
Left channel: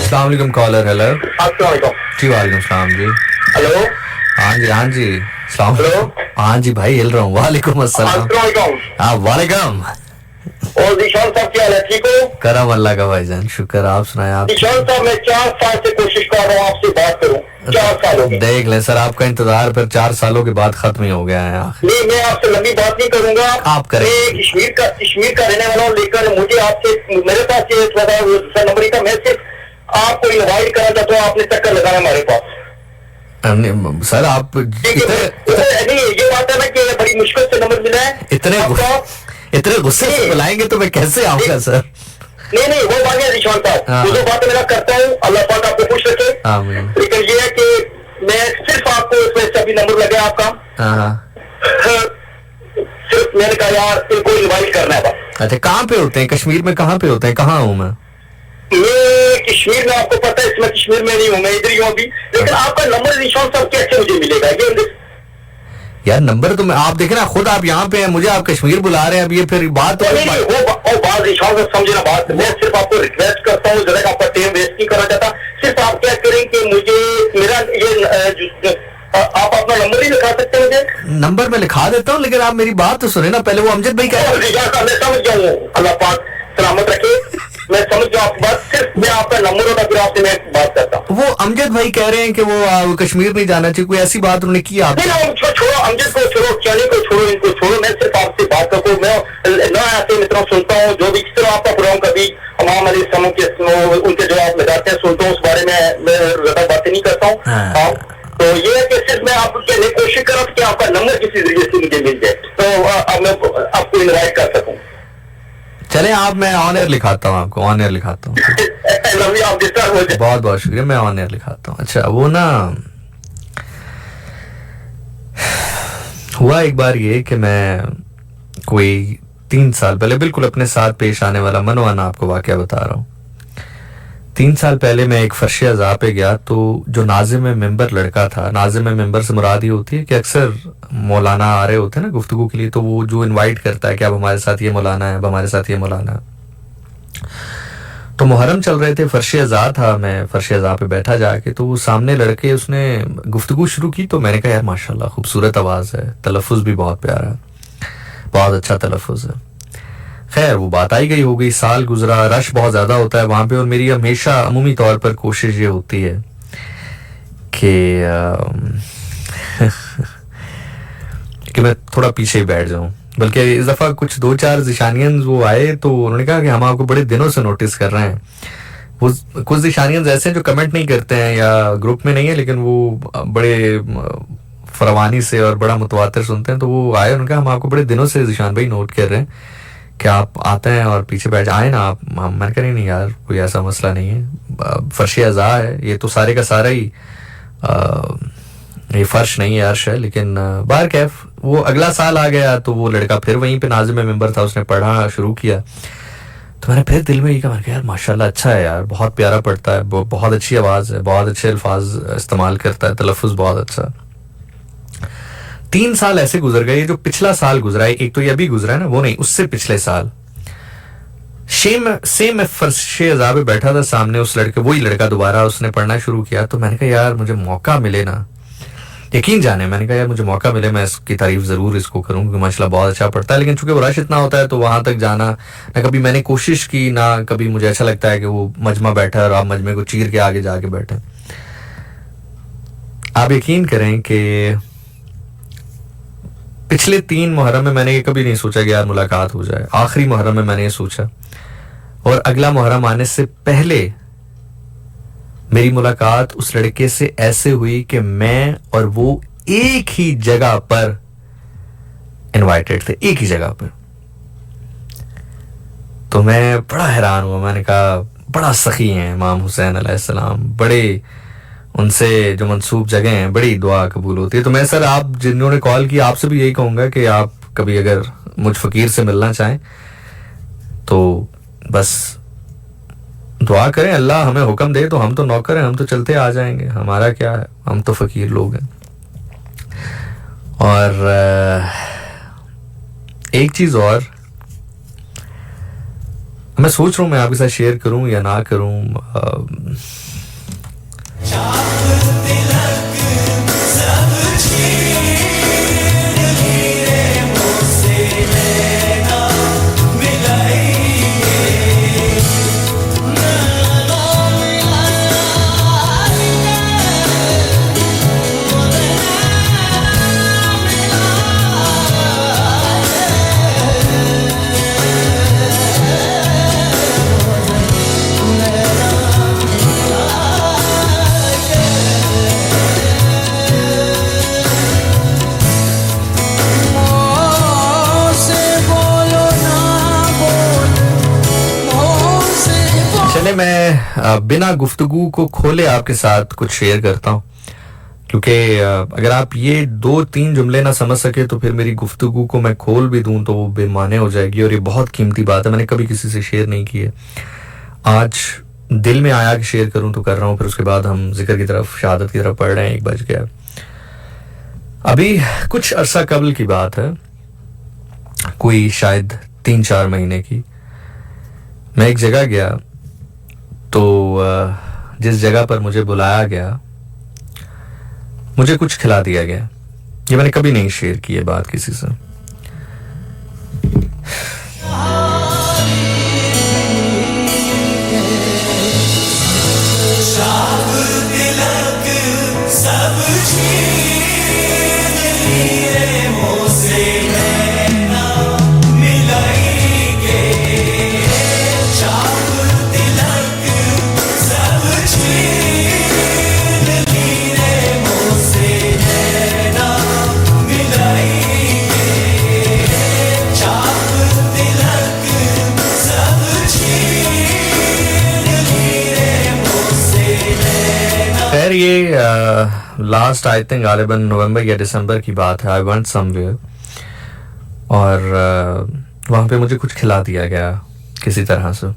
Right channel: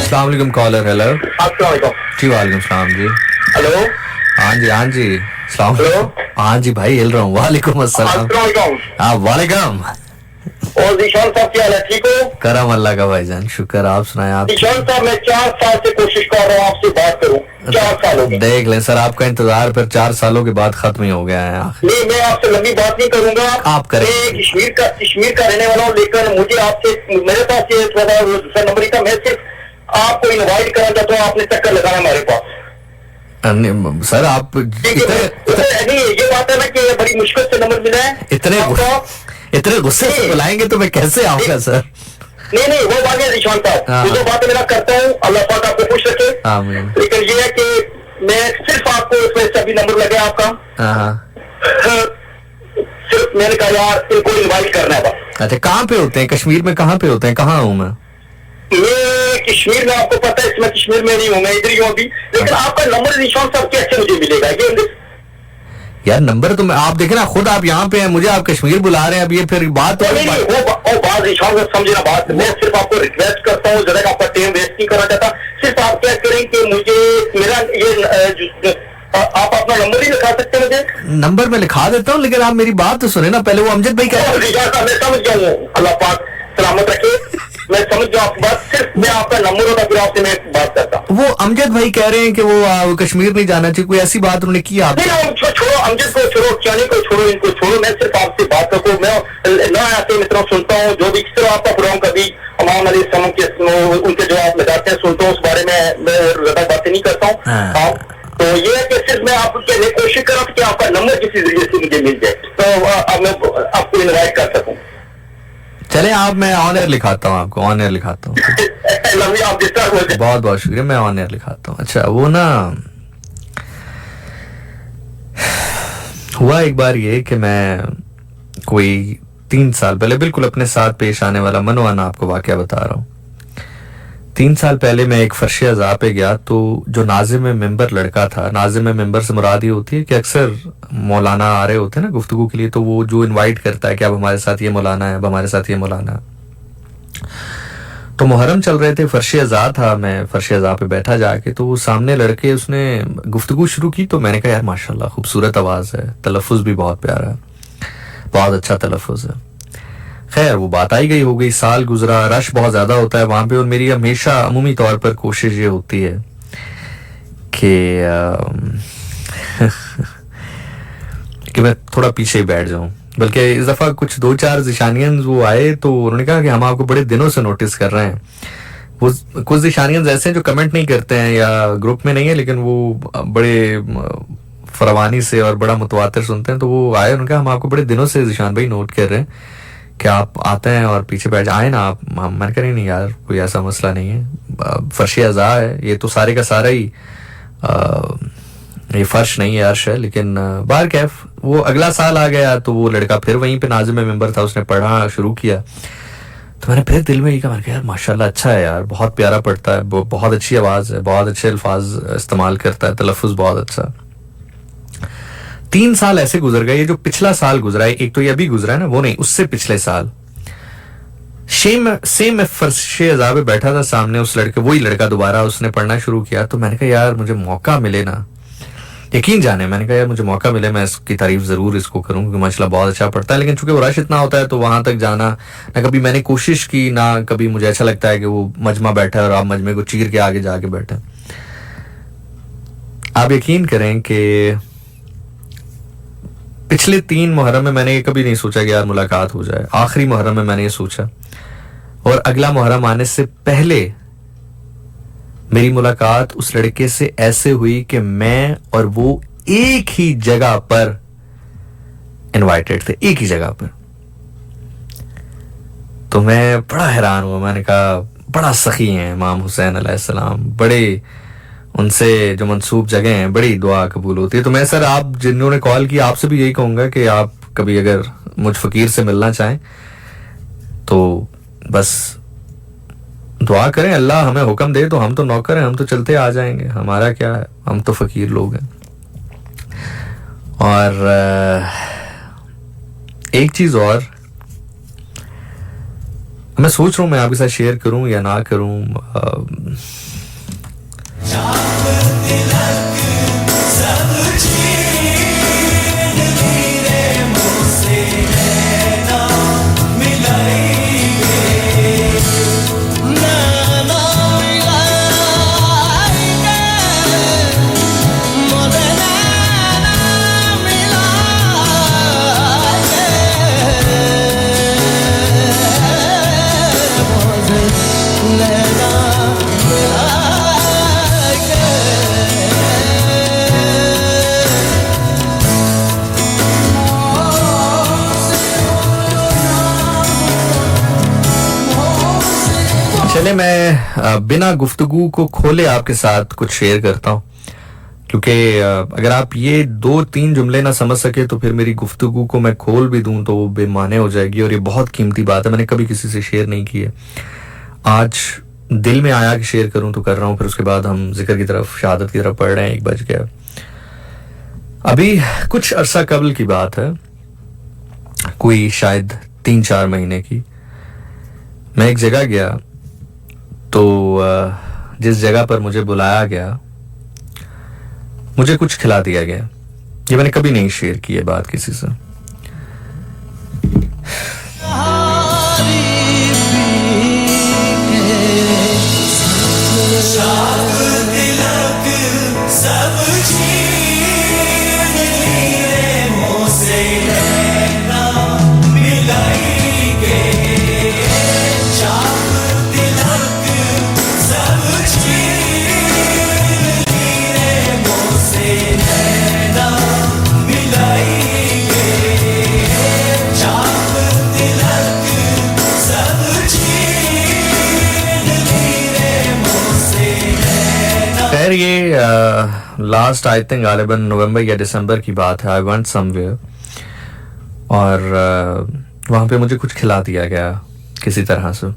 अस्सलामुअलैकुम कॉलर। हेलो जी, वालेकुम सलाम जी। हेलो, हाँ जी सलाम। हाँ जी भाई हिल रहा हूँ। वालेकुम अस्सलाम। हाँ वालेकुम। और निशान साहब क्या हाल है, ठीक हो? करम अल्लाह का भाईजान, शुक्र। आप सुनाए। आप निशान साहब, मैं 4 साल से कोशिश कर रहा हूँ आपसे बात करूँ। 4 साल हो गए। देख ले सर, आपका इंतजार फिर 4 सालों के बाद खत्म ही हो गया है आखिर। नहीं, मैं आपसे लंबी बात नहीं करूंगा। आप करें। मैं कश्मीर का रहने वाला हूँ, लेकिन मुझे आपसे, मेरे पास ये थोड़ा दूसरा नंबर ही था, मैं सिर्फ आपको इनवाइट करना चाहता हूँ, आपने चक्कर लगाना हमारे पास। सर आप नहीं, ये बात है ना कि बड़ी मुश्किल से नंबर मिला है। इतने गुस्से से बुलाएंगे तो मैं कैसे आऊंगा सर? नहीं, वो बात है निशान साहब, जो बात मेरा करता हूँ, अल्लाह पाक आपको खुश रखे। लेकिन ये है कि मैं सिर्फ आपको इसमें सभी नंबर लगे आपका, सिर्फ मैंने कहा यार इनको इनवाइट करना है। अच्छा, कहाँ पे होते हैं कश्मीर में? कहाँ पे होते हैं? कहाँ हूँ मैं कश्मीर में, आपको पता है इसमें कश्मीर में नहीं हूँ, मैं इधर ही हूँ अभी। लेकिन आपका नंबर निशान साहब कैसे मुझे मिलेगा? ये यार नंबर तो मैं, आप देखे ना खुद, आप यहाँ पे हैं, मुझे आप कश्मीर बुला रहे हैं। अब ये फिर बात नहीं, वो बात निशान साहब समझे ना बात। मैं सिर्फ आपको रिक्वेस्ट करता हूँ, जरा आपका टाइम वेस्ट नहीं करना चाहता। सिर्फ आप क्या करें कि मुझे मेरा ये आप अपना नंबर ही लिखा सकते हैं मुझे? नंबर मैं लिखा देता हूँ, लेकिन आप मेरी बात तो सुने ना पहले। वो अमजद भाई क्या, मैं समझ गया हूँ, अल्लाह पाक सलामत रखे, मैं समझ गया आपकी बात। सिर्फ मैं आपका नंबर होता फिर आपसे मैं बात करता हूँ। वो अमजद भाई कह रहे हैं कि वो कश्मीर नहीं जाना चाहिए, कोई ऐसी बात उन्होंने की? आप छोड़ो, अमजद को छोड़ो, चानी को छोड़ो, इनको छोड़ो। मैं सिर्फ आपसे बात करता हूँ। मैं ना ऐसे मित्रों सुनता हूँ, जो भी किस तरह आपका प्रोग्राम कभी इमाम अली सलाम के उनके जो आप लगाते हैं सुनता हूँ, उस बारे में मैं ज्यादा बातें नहीं करता हूँ। तो ये है कि सिर्फ मैं आपको कहने की कोशिश कर रहा हूँ कि आपका नंबर किसी जरिए से मुझे मिल जाए, तो अब मैं आपको इनवाइट कर सकूँ। चले आप, मैं ऑन एयर लिखाता हूँ आपको, ऑन एयर लिखाता हूँ। बहुत बहुत शुक्रिया, मैं ऑन एयर लिखाता हूँ। अच्छा, वो ना हुआ एक बार ये कि मैं कोई 3 साल पहले बिल्कुल अपने साथ पेश आने वाला मनवाना आपको वाकया बता रहा हूँ। 3 साल पहले मैं एक फर्श अज़ा पे गया, तो जो नाज़िम मेंबर लड़का था, नाज़िम मेंबर से मुराद ये होती है कि अक्सर मौलाना आ रहे होते हैं ना गुफ्तगू के लिए, तो वो जो इनवाइट करता है कि अब हमारे साथ ये मौलाना है, अब हमारे साथ ये मौलाना है। तो मुहर्रम चल रहे थे, फर्श अज़ा था, मैं फर्श अज़ा पे बैठा जाके, तो वो सामने लड़के उसने गुफ्तगू शुरू की, तो मैंने कहा यार माशाल्लाह खूबसूरत आवाज़ है, तलफ़ुज़ भी बहुत प्यारा है, बहुत अच्छा तलफ़ुज़ है। खैर वो बात आई गई, हो गई, साल गुजरा, रश बहुत ज़्यादा होता है वहाँ पे, और मेरी हमेशा अमूमी तौर पर कोशिश ये होती है कि कि मैं थोड़ा पीछे बैठ जाऊँ। बल्कि इस दफ़ा कुछ 2-4 ज़िशानियंस वो आए, तो उन्होंने कहा कि हम आपको बड़े दिनों से नोटिस कर रहे हैं। वो कुछ ज़िशानियंस ऐसे हैं जो कमेंट नहीं करते हैं या ग्रुप में नहीं है, लेकिन वो बड़े फरवानी से और बड़ा मुतवातिर सुनते हैं। तो वो आए, उन्होंने कहा हम आपको बड़े दिनों से ज़िशान भाई नोट कर रहे हैं कि आप आते हैं और पीछे बैठ आए ना आप। मैंने कहा नहीं यार कोई ऐसा मसला नहीं है, फर्श अज़ा है, ये तो सारे का सारा ही ये फर्श नहीं है, अर्श है। लेकिन बाहर कैफ वो अगला साल आ गया, तो वो लड़का फिर वहीं पे नाज़िम मेंबर था, उसने पढ़ना शुरू किया। तो मैंने फिर दिल में ये कहा, मैंने कहा यार माशाल्लाह अच्छा है यार, बहुत प्यारा पढ़ता है, बहुत अच्छी आवाज़ है, बहुत अच्छे अल्फाज इस्तेमाल करता है, तलफ़ुज़ बहुत अच्छा। 3 साल ऐसे गुजर गए। ये जो पिछला साल गुजरा है, एक तो ये अभी गुजरा है ना, वो नहीं, उससे पिछले साल सेम मैं फर्श अज़ा पे बैठा था, सामने उस लड़के, वही लड़का दोबारा उसने पढ़ना शुरू किया। तो मैंने कहा यार मुझे मौका मिले ना, यकीन जाने, मैंने कहा यार मुझे मौका मिले, मैं इसकी तारीफ जरूर इसको करूँ क्योंकि माशाल्लाह बहुत अच्छा पढ़ता है। लेकिन चूंकि वो रश इतना होता है तो वहां तक जाना ना कभी मैंने कोशिश की, ना कभी मुझे अच्छा लगता है कि वो मजमा बैठा है और आप मजमे को चीर के आगे जाके बैठे। आप यकीन करें कि पिछले 3 मुहर्रम में मैंने कभी नहीं सोचा कि यार मुलाकात हो जाए। आखिरी मुहर्रम में मैंने ये सोचा, और अगला मुहर्रम आने से पहले मेरी मुलाकात उस लड़के से ऐसे हुई कि मैं और वो एक ही जगह पर इनवाइटेड थे, एक ही जगह पर। तो मैं बड़ा हैरान हुआ, मैंने कहा बड़ा सखी हैं इमाम हुसैन अलैहिस्सलाम, बड़े उनसे जो मंसूब जगह हैं बड़ी दुआ कबूल होती है। तो मैं सर आप जिन्होंने कॉल की आपसे भी यही कहूंगा कि आप कभी अगर मुझ फकीर से मिलना चाहें तो बस दुआ करें, अल्लाह हमें हुक्म दे तो हम तो नौकर हैं, हम तो चलते आ जाएंगे, हमारा क्या है, हम तो फकीर लोग हैं। और एक चीज और मैं सोच रहा हूं मैं आपके साथ शेयर करूं या ना करूं। बिना गुफ्तगू को खोले आपके साथ कुछ शेयर करता हूँ, क्योंकि अगर आप ये 2-3 जुमले ना समझ सके तो फिर मेरी गुफ्तगू को मैं खोल भी दूं तो वो बेमाने हो जाएगी, और ये बहुत कीमती बात है, मैंने कभी किसी से शेयर नहीं की है। आज दिल में आया कि शेयर करूं तो कर रहा हूं। फिर उसके बाद हम जिक्र की तरफ, शहादत की तरफ पढ़ रहे हैं। 1 बज गया। अभी कुछ अरसा कबल की बात है, कोई शायद 3-4 महीने की। मैं एक जगह गया, तो जिस जगह पर मुझे बुलाया गया मुझे कुछ खिला दिया गया। ये मैंने कभी नहीं शेयर की है बात किसी से। खैर ये लास्ट आई थिंक गालिबन नवंबर या दिसंबर की बात है। आई वेंट समवेयर और वहाँ पे मुझे कुछ खिला दिया गया किसी तरह से।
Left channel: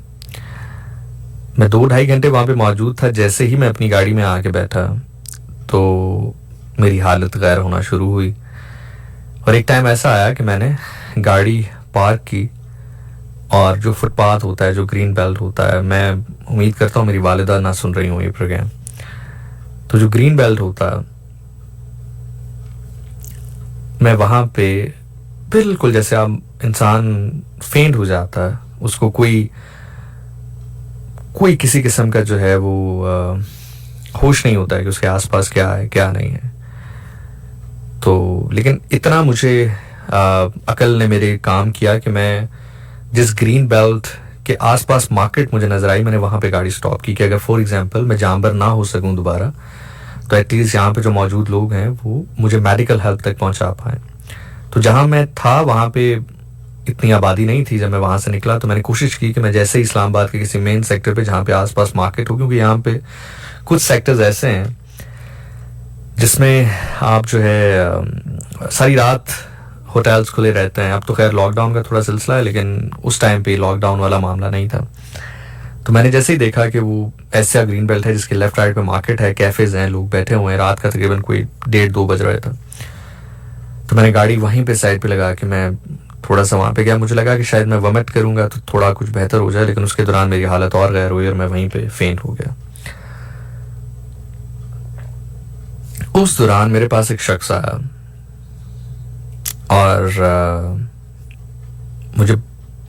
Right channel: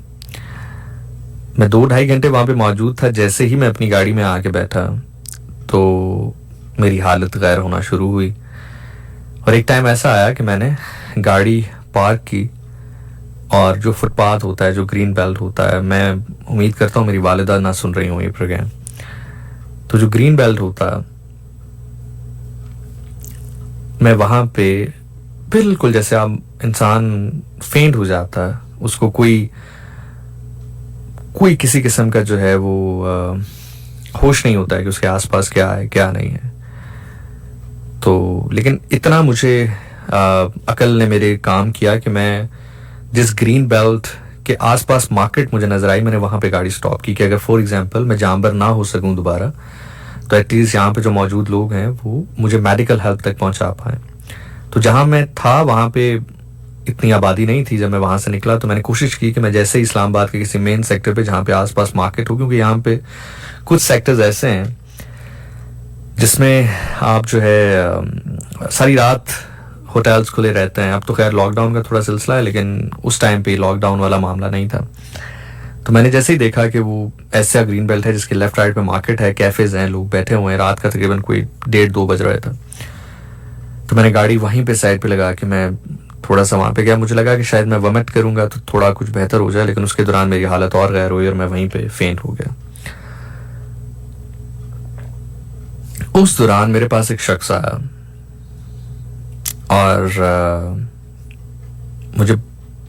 मैं 2-2.5 घंटे वहाँ पे मौजूद था। जैसे ही मैं अपनी गाड़ी में आके बैठा तो मेरी हालत गैर होना शुरू हुई, और एक टाइम ऐसा आया कि मैंने गाड़ी पार्क की और जो फुटपाथ होता है, जो ग्रीन बेल्ट होता है, मैं उम्मीद करता हूँ मेरी वालिदा ना सुन रही हूँ ये प्रोग्राम, तो जो ग्रीन बेल्ट होता है, मैं वहां पे बिल्कुल जैसे आप इंसान फेंट हो जाता है, उसको कोई किसी किस्म का जो है वो होश नहीं होता है कि उसके आसपास क्या है क्या नहीं है। तो लेकिन इतना मुझे अकल ने मेरे काम किया कि मैं जिस ग्रीन बेल्ट के आसपास मार्केट मुझे नजर आई, मैंने वहां पे गाड़ी स्टॉप की कि अगर फॉर एग्जांपल मैं जामबर ना हो सकूं दोबारा, तो एटलीस्ट यहाँ पे जो मौजूद लोग हैं वो मुझे मेडिकल हेल्प तक पहुंचा पाए। तो जहां मैं था वहां पे इतनी आबादी नहीं थी। जब मैं वहां से निकला तो मैंने कोशिश की कि मैं जैसे ही इस्लामाबाद के किसी मेन सेक्टर पे जहाँ पे आसपास मार्केट हो, क्योंकि यहाँ पे कुछ सेक्टर्स ऐसे हैं जिसमें आप जो है सारी रात होटल्स खुले रहते हैं। अब तो खैर लॉकडाउन का थोड़ा सिलसिला है, लेकिन उस टाइम पे लॉकडाउन वाला मामला नहीं था। तो मैंने जैसे ही देखा कि वो ऐसा ग्रीन बेल्ट है जिसके लेफ्ट राइट पे मार्केट है, कैफेज हैं, लोग बैठे हुए हैं, रात का तकरीबन कोई 1:30-2 बज रहा था, तो मैंने गाड़ी वहीं पे साइड पे लगा के मैं थोड़ा सा वहां पे गया। मुझे लगा कि शायद मैं वमिट करूंगा तो थोड़ा कुछ बेहतर हो जाए, लेकिन उसके दौरान मेरी हालत और गैर हुई और मैं वहीं पे फेंट हो गया। उस दौरान मेरे पास एक शख्स आया और मुझे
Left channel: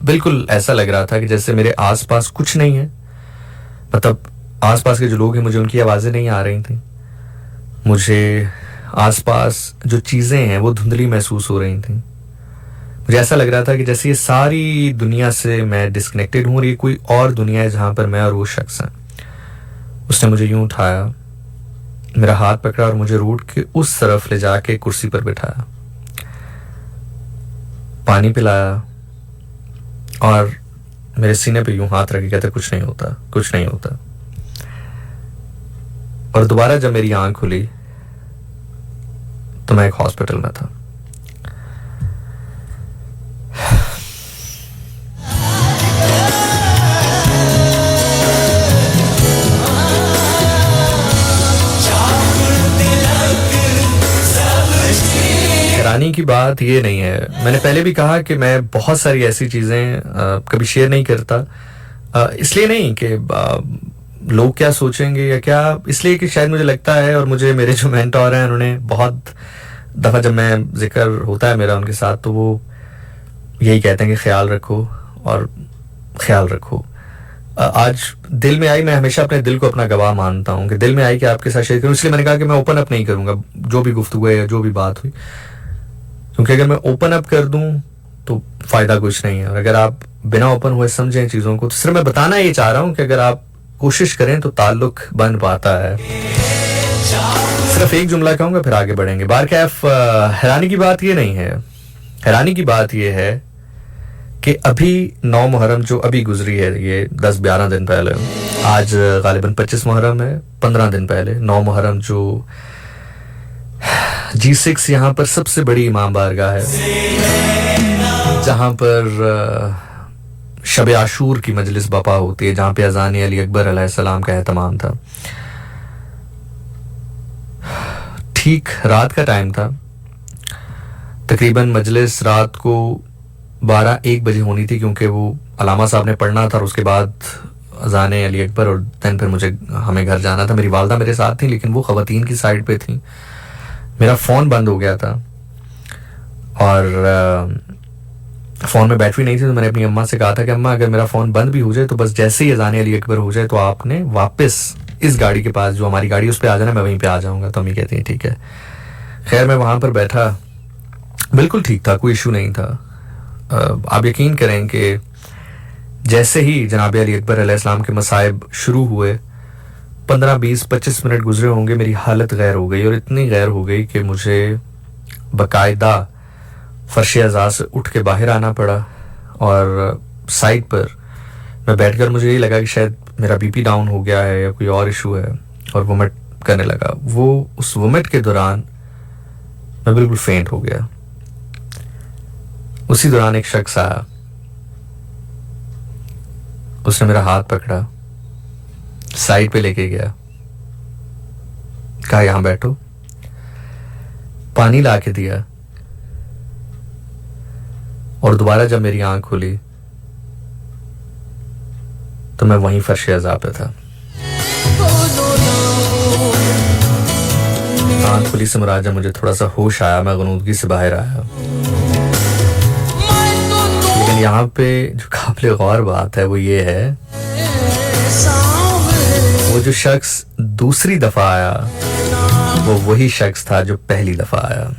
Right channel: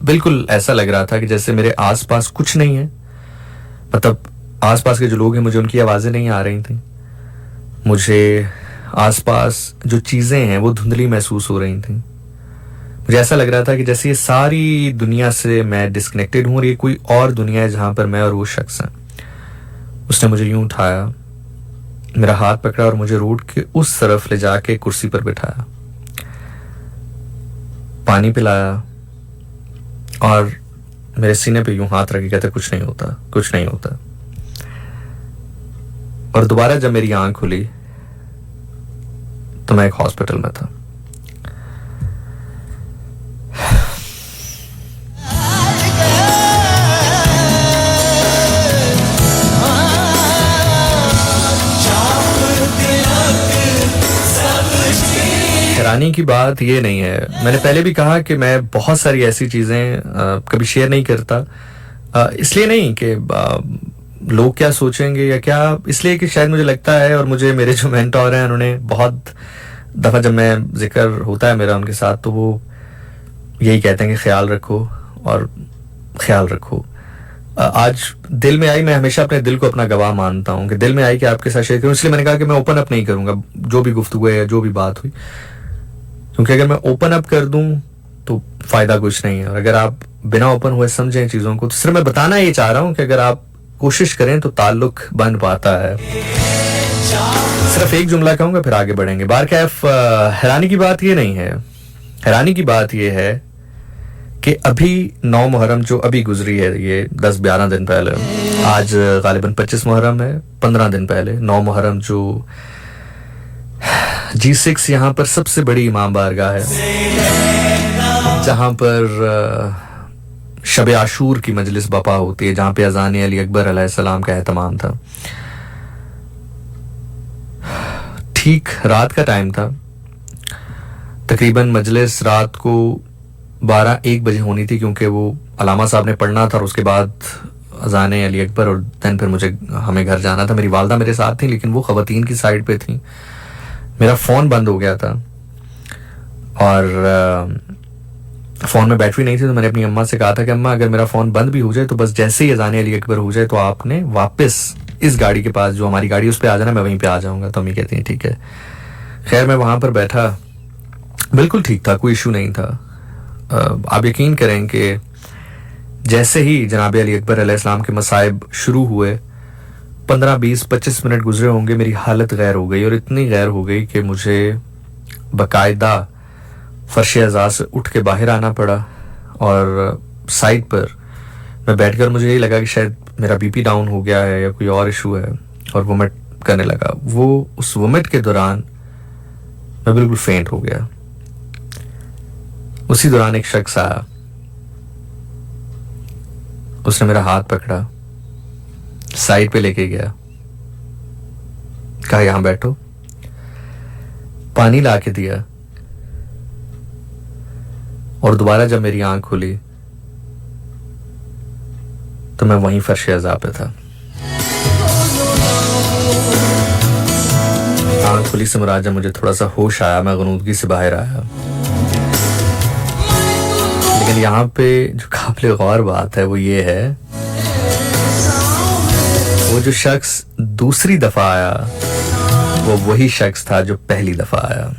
बिल्कुल ऐसा लग रहा था कि जैसे मेरे आसपास कुछ नहीं है, मतलब आसपास के जो लोग हैं मुझे उनकी आवाजें नहीं आ रही थी, मुझे आसपास जो चीजें हैं वो धुंधली महसूस हो रही थी। मुझे ऐसा लग रहा था कि जैसे ये सारी दुनिया से मैं डिस्कनेक्टेड हूं और ये कोई और दुनिया है जहां पर मैं और वो शख्स हैं। उसने मुझे यूं उठाया, मेरा हाथ पकड़ा और मुझे रोड के उस तरफ ले जाके कुर्सी पर बिठाया, पानी पिलाया और मेरे सीने पे यूं हाथ रखे, कहते कुछ नहीं होता, कुछ नहीं होता। और दोबारा जब मेरी आंख खुली तो मैं एक हॉस्पिटल में था। हैरानी की बात ये नहीं है, मैंने पहले भी कहा कि मैं बहुत सारी ऐसी चीजें कभी शेयर नहीं करता, इसलिए नहीं कि लोग क्या सोचेंगे या क्या, इसलिए कि शायद मुझे लगता है, और मुझे मेरे जो मेंटोर हैं उन्होंने बहुत दफा जब मैं जिक्र होता है मेरा उनके साथ तो वो यही कहते हैं कि ख्याल रखो और ख्याल रखो। आज दिल में आई, मैं हमेशा अपने दिल को अपना गवाह मानता हूँ कि दिल में आई कि आपके साथ शेयर करूँ, इसलिए मैंने कहा कि मैं ओपन अप नहीं करूंगा जो भी गुफ्तगू है या जो भी बात हुई, क्योंकि अगर मैं ओपन अप कर दूं तो फायदा कुछ नहीं है, और अगर आप बिना ओपन हुए समझें चीजों को तो सिर्फ मैं बताना ये चाह रहा हूं कि अगर आप कोशिश करें तो ताल्लुक बन पाता है। सिर्फ एक जुमला कहूंगा फिर आगे बढ़ेंगे। बार कैफ हैरानी की बात ये नहीं है, हैरानी की बात ये है कि अभी 9 मुहर्रम जो अभी गुजरी है, ये 10-11 दिन पहले, आज गालिबन 25 मुहर्रम है, 15 दिन पहले 9 मुहर्रम जो G6 यहाँ पर सबसे बड़ी इमाम बारगाह है, जहाँ पर शब आशूर की मजलिस बपा होती है, जहाँ पे अज़ान अली अकबर अलैहिस्सलाम का एहतमाम था। ठीक रात का टाइम था, तकरीबन मजलिस रात को 12-1 बजे होनी थी, क्योंकि वो अलामा साहब ने पढ़ना था और उसके बाद अज़ान अली अकबर, और दैन फिर हमें घर जाना था। मेरी वालदा मेरे साथ थी, लेकिन वो ख़वातीन की साइड पे थी। मेरा फ़ोन बंद हो गया था और फ़ोन में बैटरी नहीं थी, तो मैंने अपनी अम्मा से कहा था कि अम्मा अगर मेरा फ़ोन बंद भी हो जाए तो बस जैसे ही अज़ान अली अकबर हो जाए तो आपने वापस इस गाड़ी के पास, जो हमारी गाड़ी, उस पर आ जाना, मैं वहीं पे आ जाऊँगा। तो अम्मी कहती हैं ठीक है। खैर मैं वहाँ पर बैठा, बिल्कुल ठीक था, कोई इशू नहीं था। आप यकीन करें कि जैसे ही जनाब अली अकबर अलैहिस्सलाम के मसाइब शुरू हुए, 15-20-25 मिनट गुजरे होंगे, मेरी हालत गैर हो गई, और इतनी गैर हो गई कि मुझे बाकायदा फर्श अज़ा से उठ के बाहर आना पड़ा, और साइड पर मैं बैठकर मुझे यही लगा कि शायद मेरा बीपी डाउन हो गया है या कोई और इशू है, और वोमिट करने लगा। उस वोमिट के दौरान मैं बिल्कुल फेंट हो गया। उसी दौरान एक शख्स आया, उसने मेरा हाथ पकड़ा, साइड पे लेके गया, कहा यहां बैठो, पानी ला के दिया, और दोबारा जब मेरी आंख खुली तो मैं वहीं फर्श अज़ा पे था। आंख खुली से मुराद जब मुझे थोड़ा सा होश आया, मैं गनूदगी से बाहर आया। लेकिन यहाँ पे जो काबिल गौर बात है वो ये है, वो जो शख्स दूसरी दफा आया वो वही शख्स था जो पहली दफा आया।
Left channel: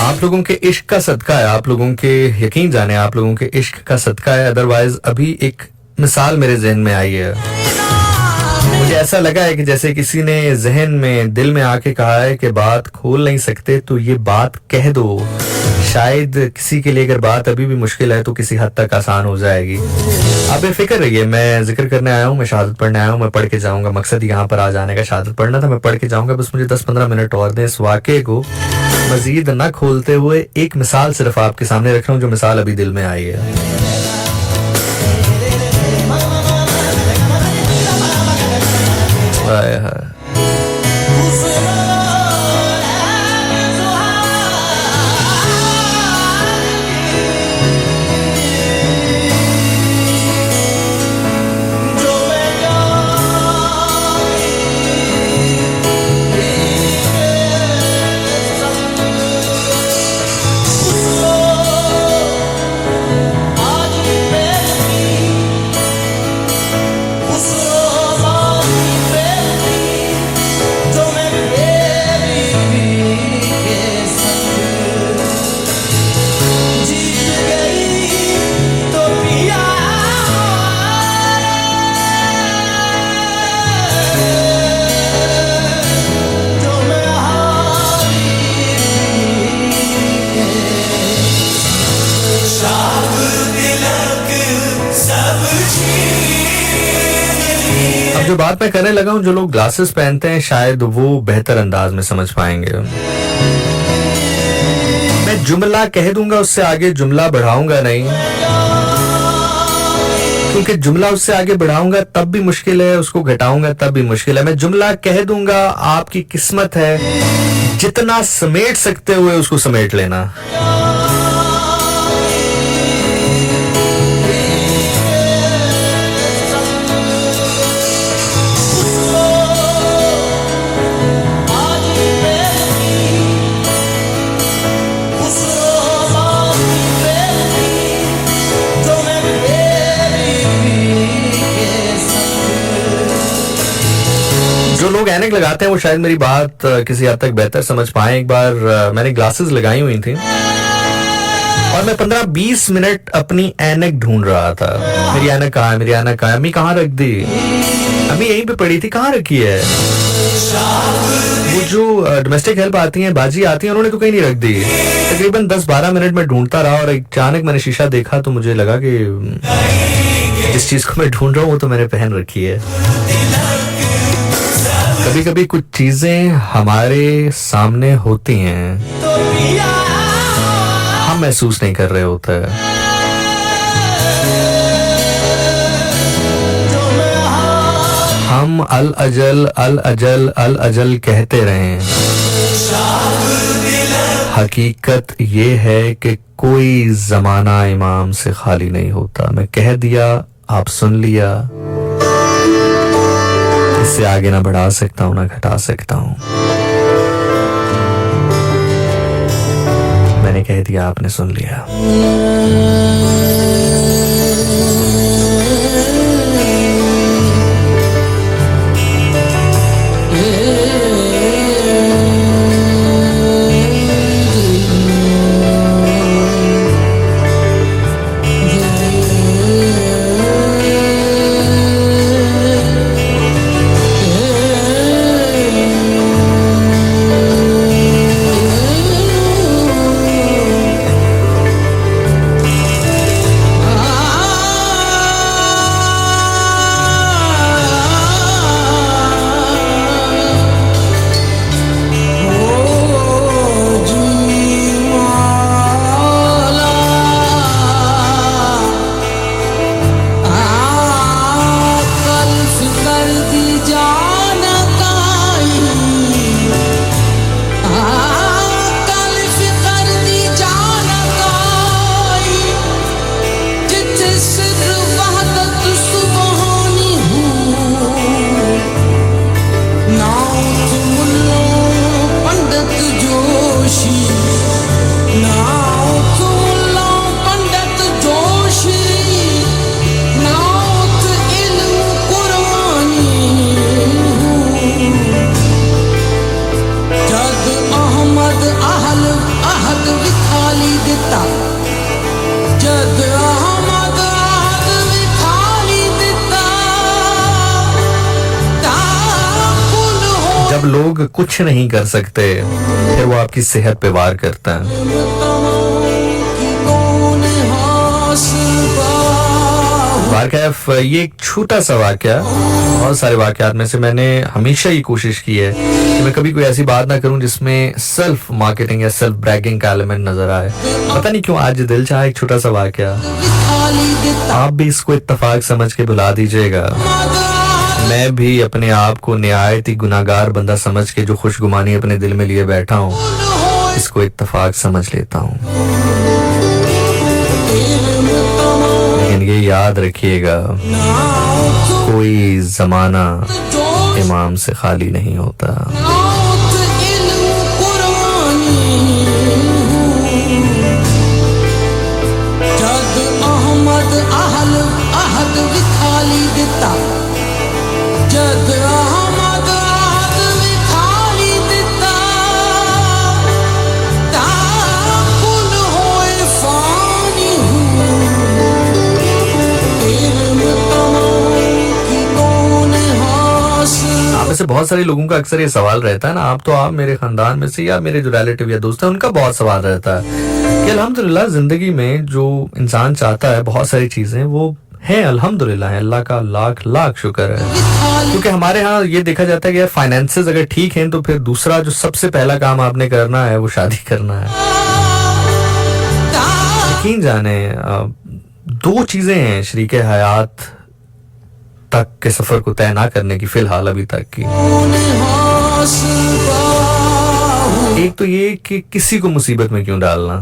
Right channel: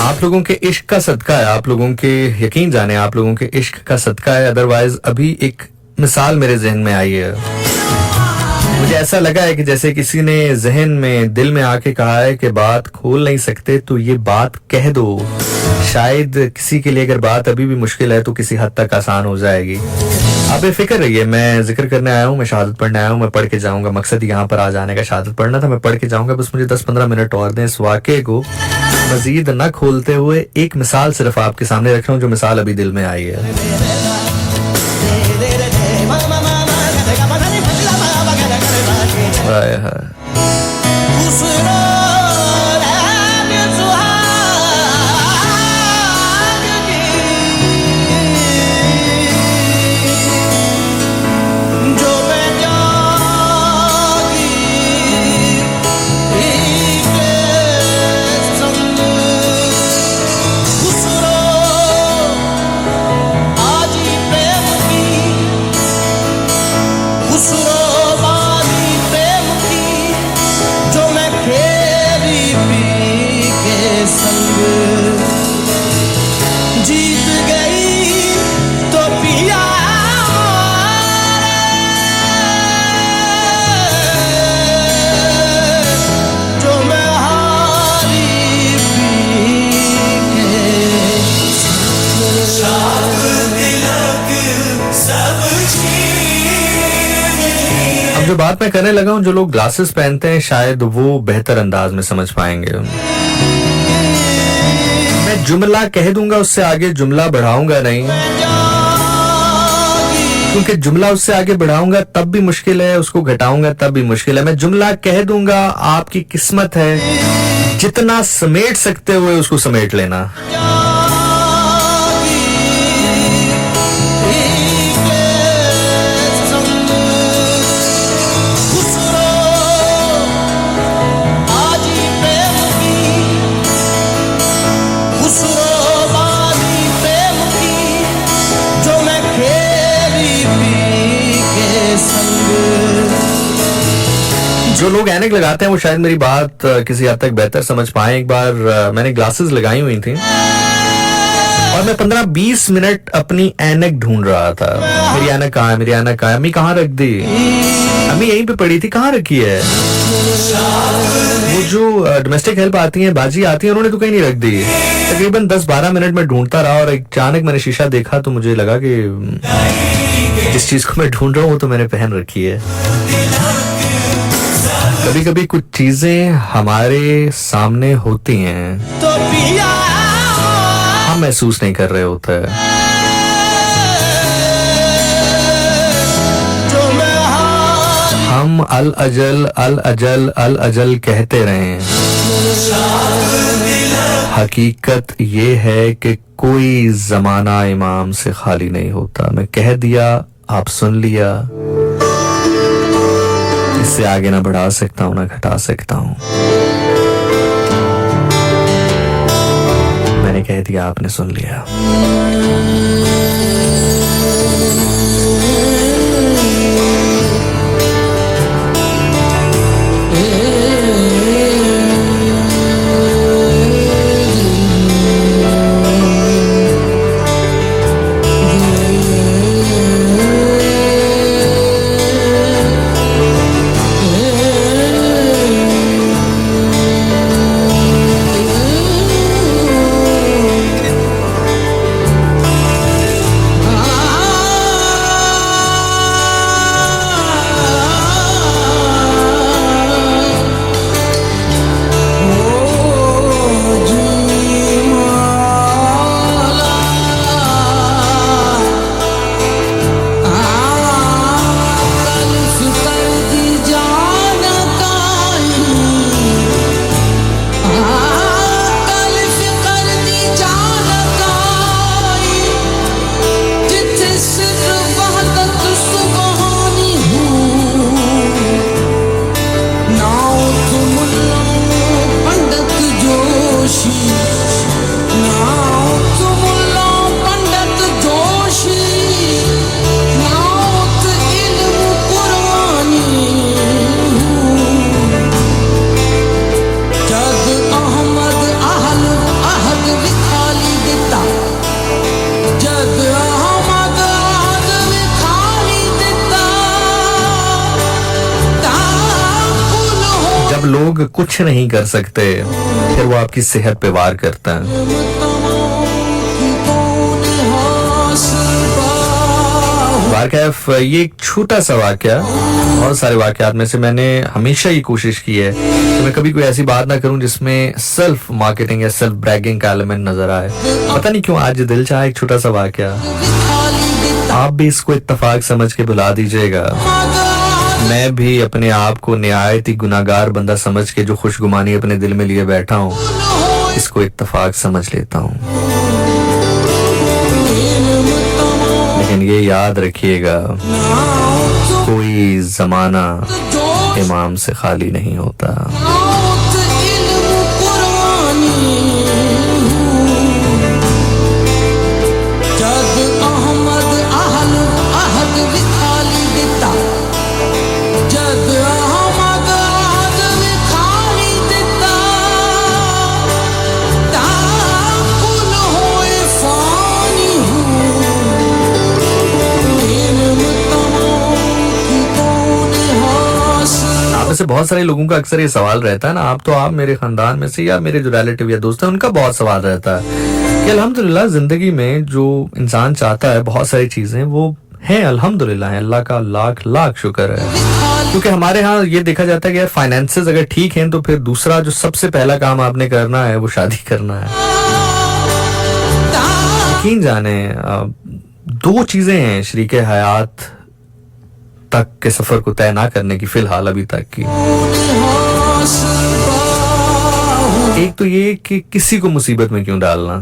आप लोगों के इश्क का सदका है, आप लोगों के, यकीन जाने, आप लोगों के इश्क का सदका है। अदरवाइज अभी एक मिसाल मेरे जहन में आई है, मुझे ऐसा लगा है कि जैसे किसी ने जहन में, दिल में आके कहा है कि बात खोल नहीं सकते तो ये बात कह दो, शायद किसी के लिए अगर बात अभी भी मुश्किल है तो किसी हद तक आसान हो जाएगी। आप बेफिक्र रहिए, मैं जिक्र करने आया हूँ, मैं शहादत पढ़ने आया हूँ, मैं पढ़ के जाऊंगा। मकसद यहाँ पर आ जाने का शहादत पढ़ना था, मैं पढ़ के जाऊंगा। बस मुझे 10-15 मिनट और दें। इस वाक़े को मजीद न खोलते हुए एक मिसाल सिर्फ आपके सामने रख रहा हूँ, जो मिसाल अभी दिल में आई है। जो बात मैं करने लगा हूं, जो लोग ग्लासेस पहनते हैं शायद वो बेहतर अंदाज में समझ पाएंगे। जुमला कह दूंगा, उससे आगे जुमला बढ़ाऊंगा नहीं, क्योंकि जुमला उससे आगे बढ़ाऊंगा तब भी मुश्किल है, उसको घटाऊंगा तब भी मुश्किल है। मैं जुमला कह दूंगा, आपकी किस्मत है, जितना समेट सकते हुए उसको समेट लेना। जो लोग ऐनक लगाते हैं वो शायद मेरी बात किसी हद तक बेहतर समझ पाए। एक बार मैंने ग्लासेस लगाई हुई थी और मैं 15-20 मिनट अपनी ऐनक ढूंढ रहा था। मेरी ऐनक कहाँ है, मेरी ऐनक कहाँ है, अम्मी कहाँ रख दी, अम्मी यहीं पे पड़ी थी, कहाँ रखी है। वो जो डोमेस्टिक हेल्प आती है, बाजी आती है, उन्होंने तो कहीं नहीं रख दी। तकरीबन 10-12 मिनट में ढूंढता रहा और अचानक मैंने शीशा देखा तो मुझे लगा कि जिस चीज को मैं ढूंढ रहा हूँ वो तो मैंने पहन रखी है। कभी कभी कुछ चीजें हमारे सामने होती हैं, हम महसूस नहीं कर रहे होते। हम अल अजल अल अजल अल अजल कहते रहे। हकीकत ये है कि कोई जमाना इमाम से खाली नहीं होता। मैं कह दिया, आप सुन लिया, इससे आगे ना बढ़ा सकता हूं ना घटा सकता हूं। मैंने कह दिया, आपने सुन लिया। लोग कुछ नहीं कर सकते फिर वो आपकी सेहत पे वार करता है। वारकैफ ये एक छोटा सा वाकया, बहुत सारे वाकयात में से मैंने हमेशा ये कोशिश की है कि मैं कभी कोई ऐसी बात ना करूं जिसमें सेल्फ मार्केटिंग या सेल्फ ब्रैगिंग का एलिमेंट नजर आए। पता नहीं क्यों आज दिल चाहा एक छोटा सा वाकया, आप भी इसको इत्तेफाक समझ के बुला दीजिएगा। मैं भी अपने आप को निहायत ही गुनाहगार बंदा समझ के जो खुशगुमानी अपने दिल में लिए बैठा हूँ, इसको इत्तेफाक समझ लेता हूँ। लेकिन ये याद रखिएगा, कोई जमाना इमाम से खाली नहीं होता। वैसे बहुत सारे लोगों का अक्सर ये सवाल रहता है ना, आप मेरे खानदान में से या मेरे जो रिलेटिव या दोस्त हैं उनका बहुत सवाल रहता है कि अल्हम्दुलिल्लाह जिंदगी में जो इंसान चाहता है बहुत सारी चीजें वो हैं, अल्हम्दुलिल्लाह है, अल्लाह का लाख लाख शुक्र है। क्योंकि हमारे यहाँ ये देखा जाता है कि यार फाइनेंसेस अगर ठीक हैं तो फिर दूसरा जो सबसे पहला काम आपने करना है वो शादी करना है। यकीन जाने दो चीजें हैं शरीक हयात तक के सफर को तय ना करने की फिलहाल अभी तक की। एक तो ये कि किसी को मुसीबत में क्यों डालना।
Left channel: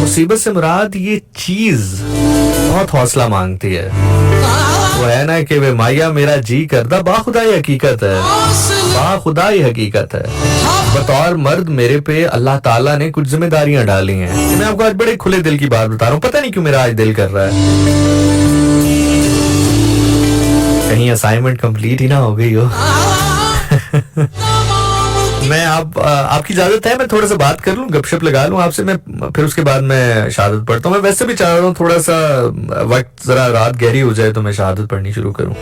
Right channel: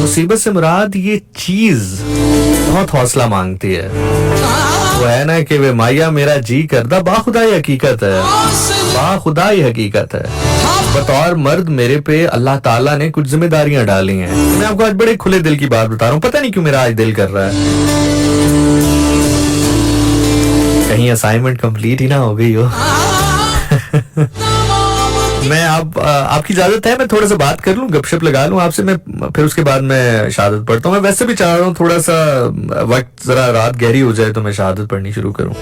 मुसीबत से मुराद ये चीज बहुत हौसला मांगती है। वो है ना कि वे माया मेरा जी करदा बाखुदाई हकीकत है, बाखुदाई हकीकत है। बतौर मर्द मेरे पे अल्लाह ताला ने कुछ जिम्मेदारियां डाली हैं। मैं आपको आज बड़े खुले दिल की बात बता रहा हूँ, पता नहीं क्यों मेरा आज दिल कर रहा है। कहीं असाइनमेंट कंप्लीट ही ना हो गई हो। मैं आपकी इजाजत है मैं थोड़ा सा बात कर लूं, गपशप लगा लूं आपसे, मैं फिर उसके बाद मैं शहादत पढ़ता हूँ। मैं वैसे भी चाह रहा हूँ थोड़ा सा वक्त जरा रात गहरी हो जाए तो मैं शहादत पढ़नी शुरू करूँ।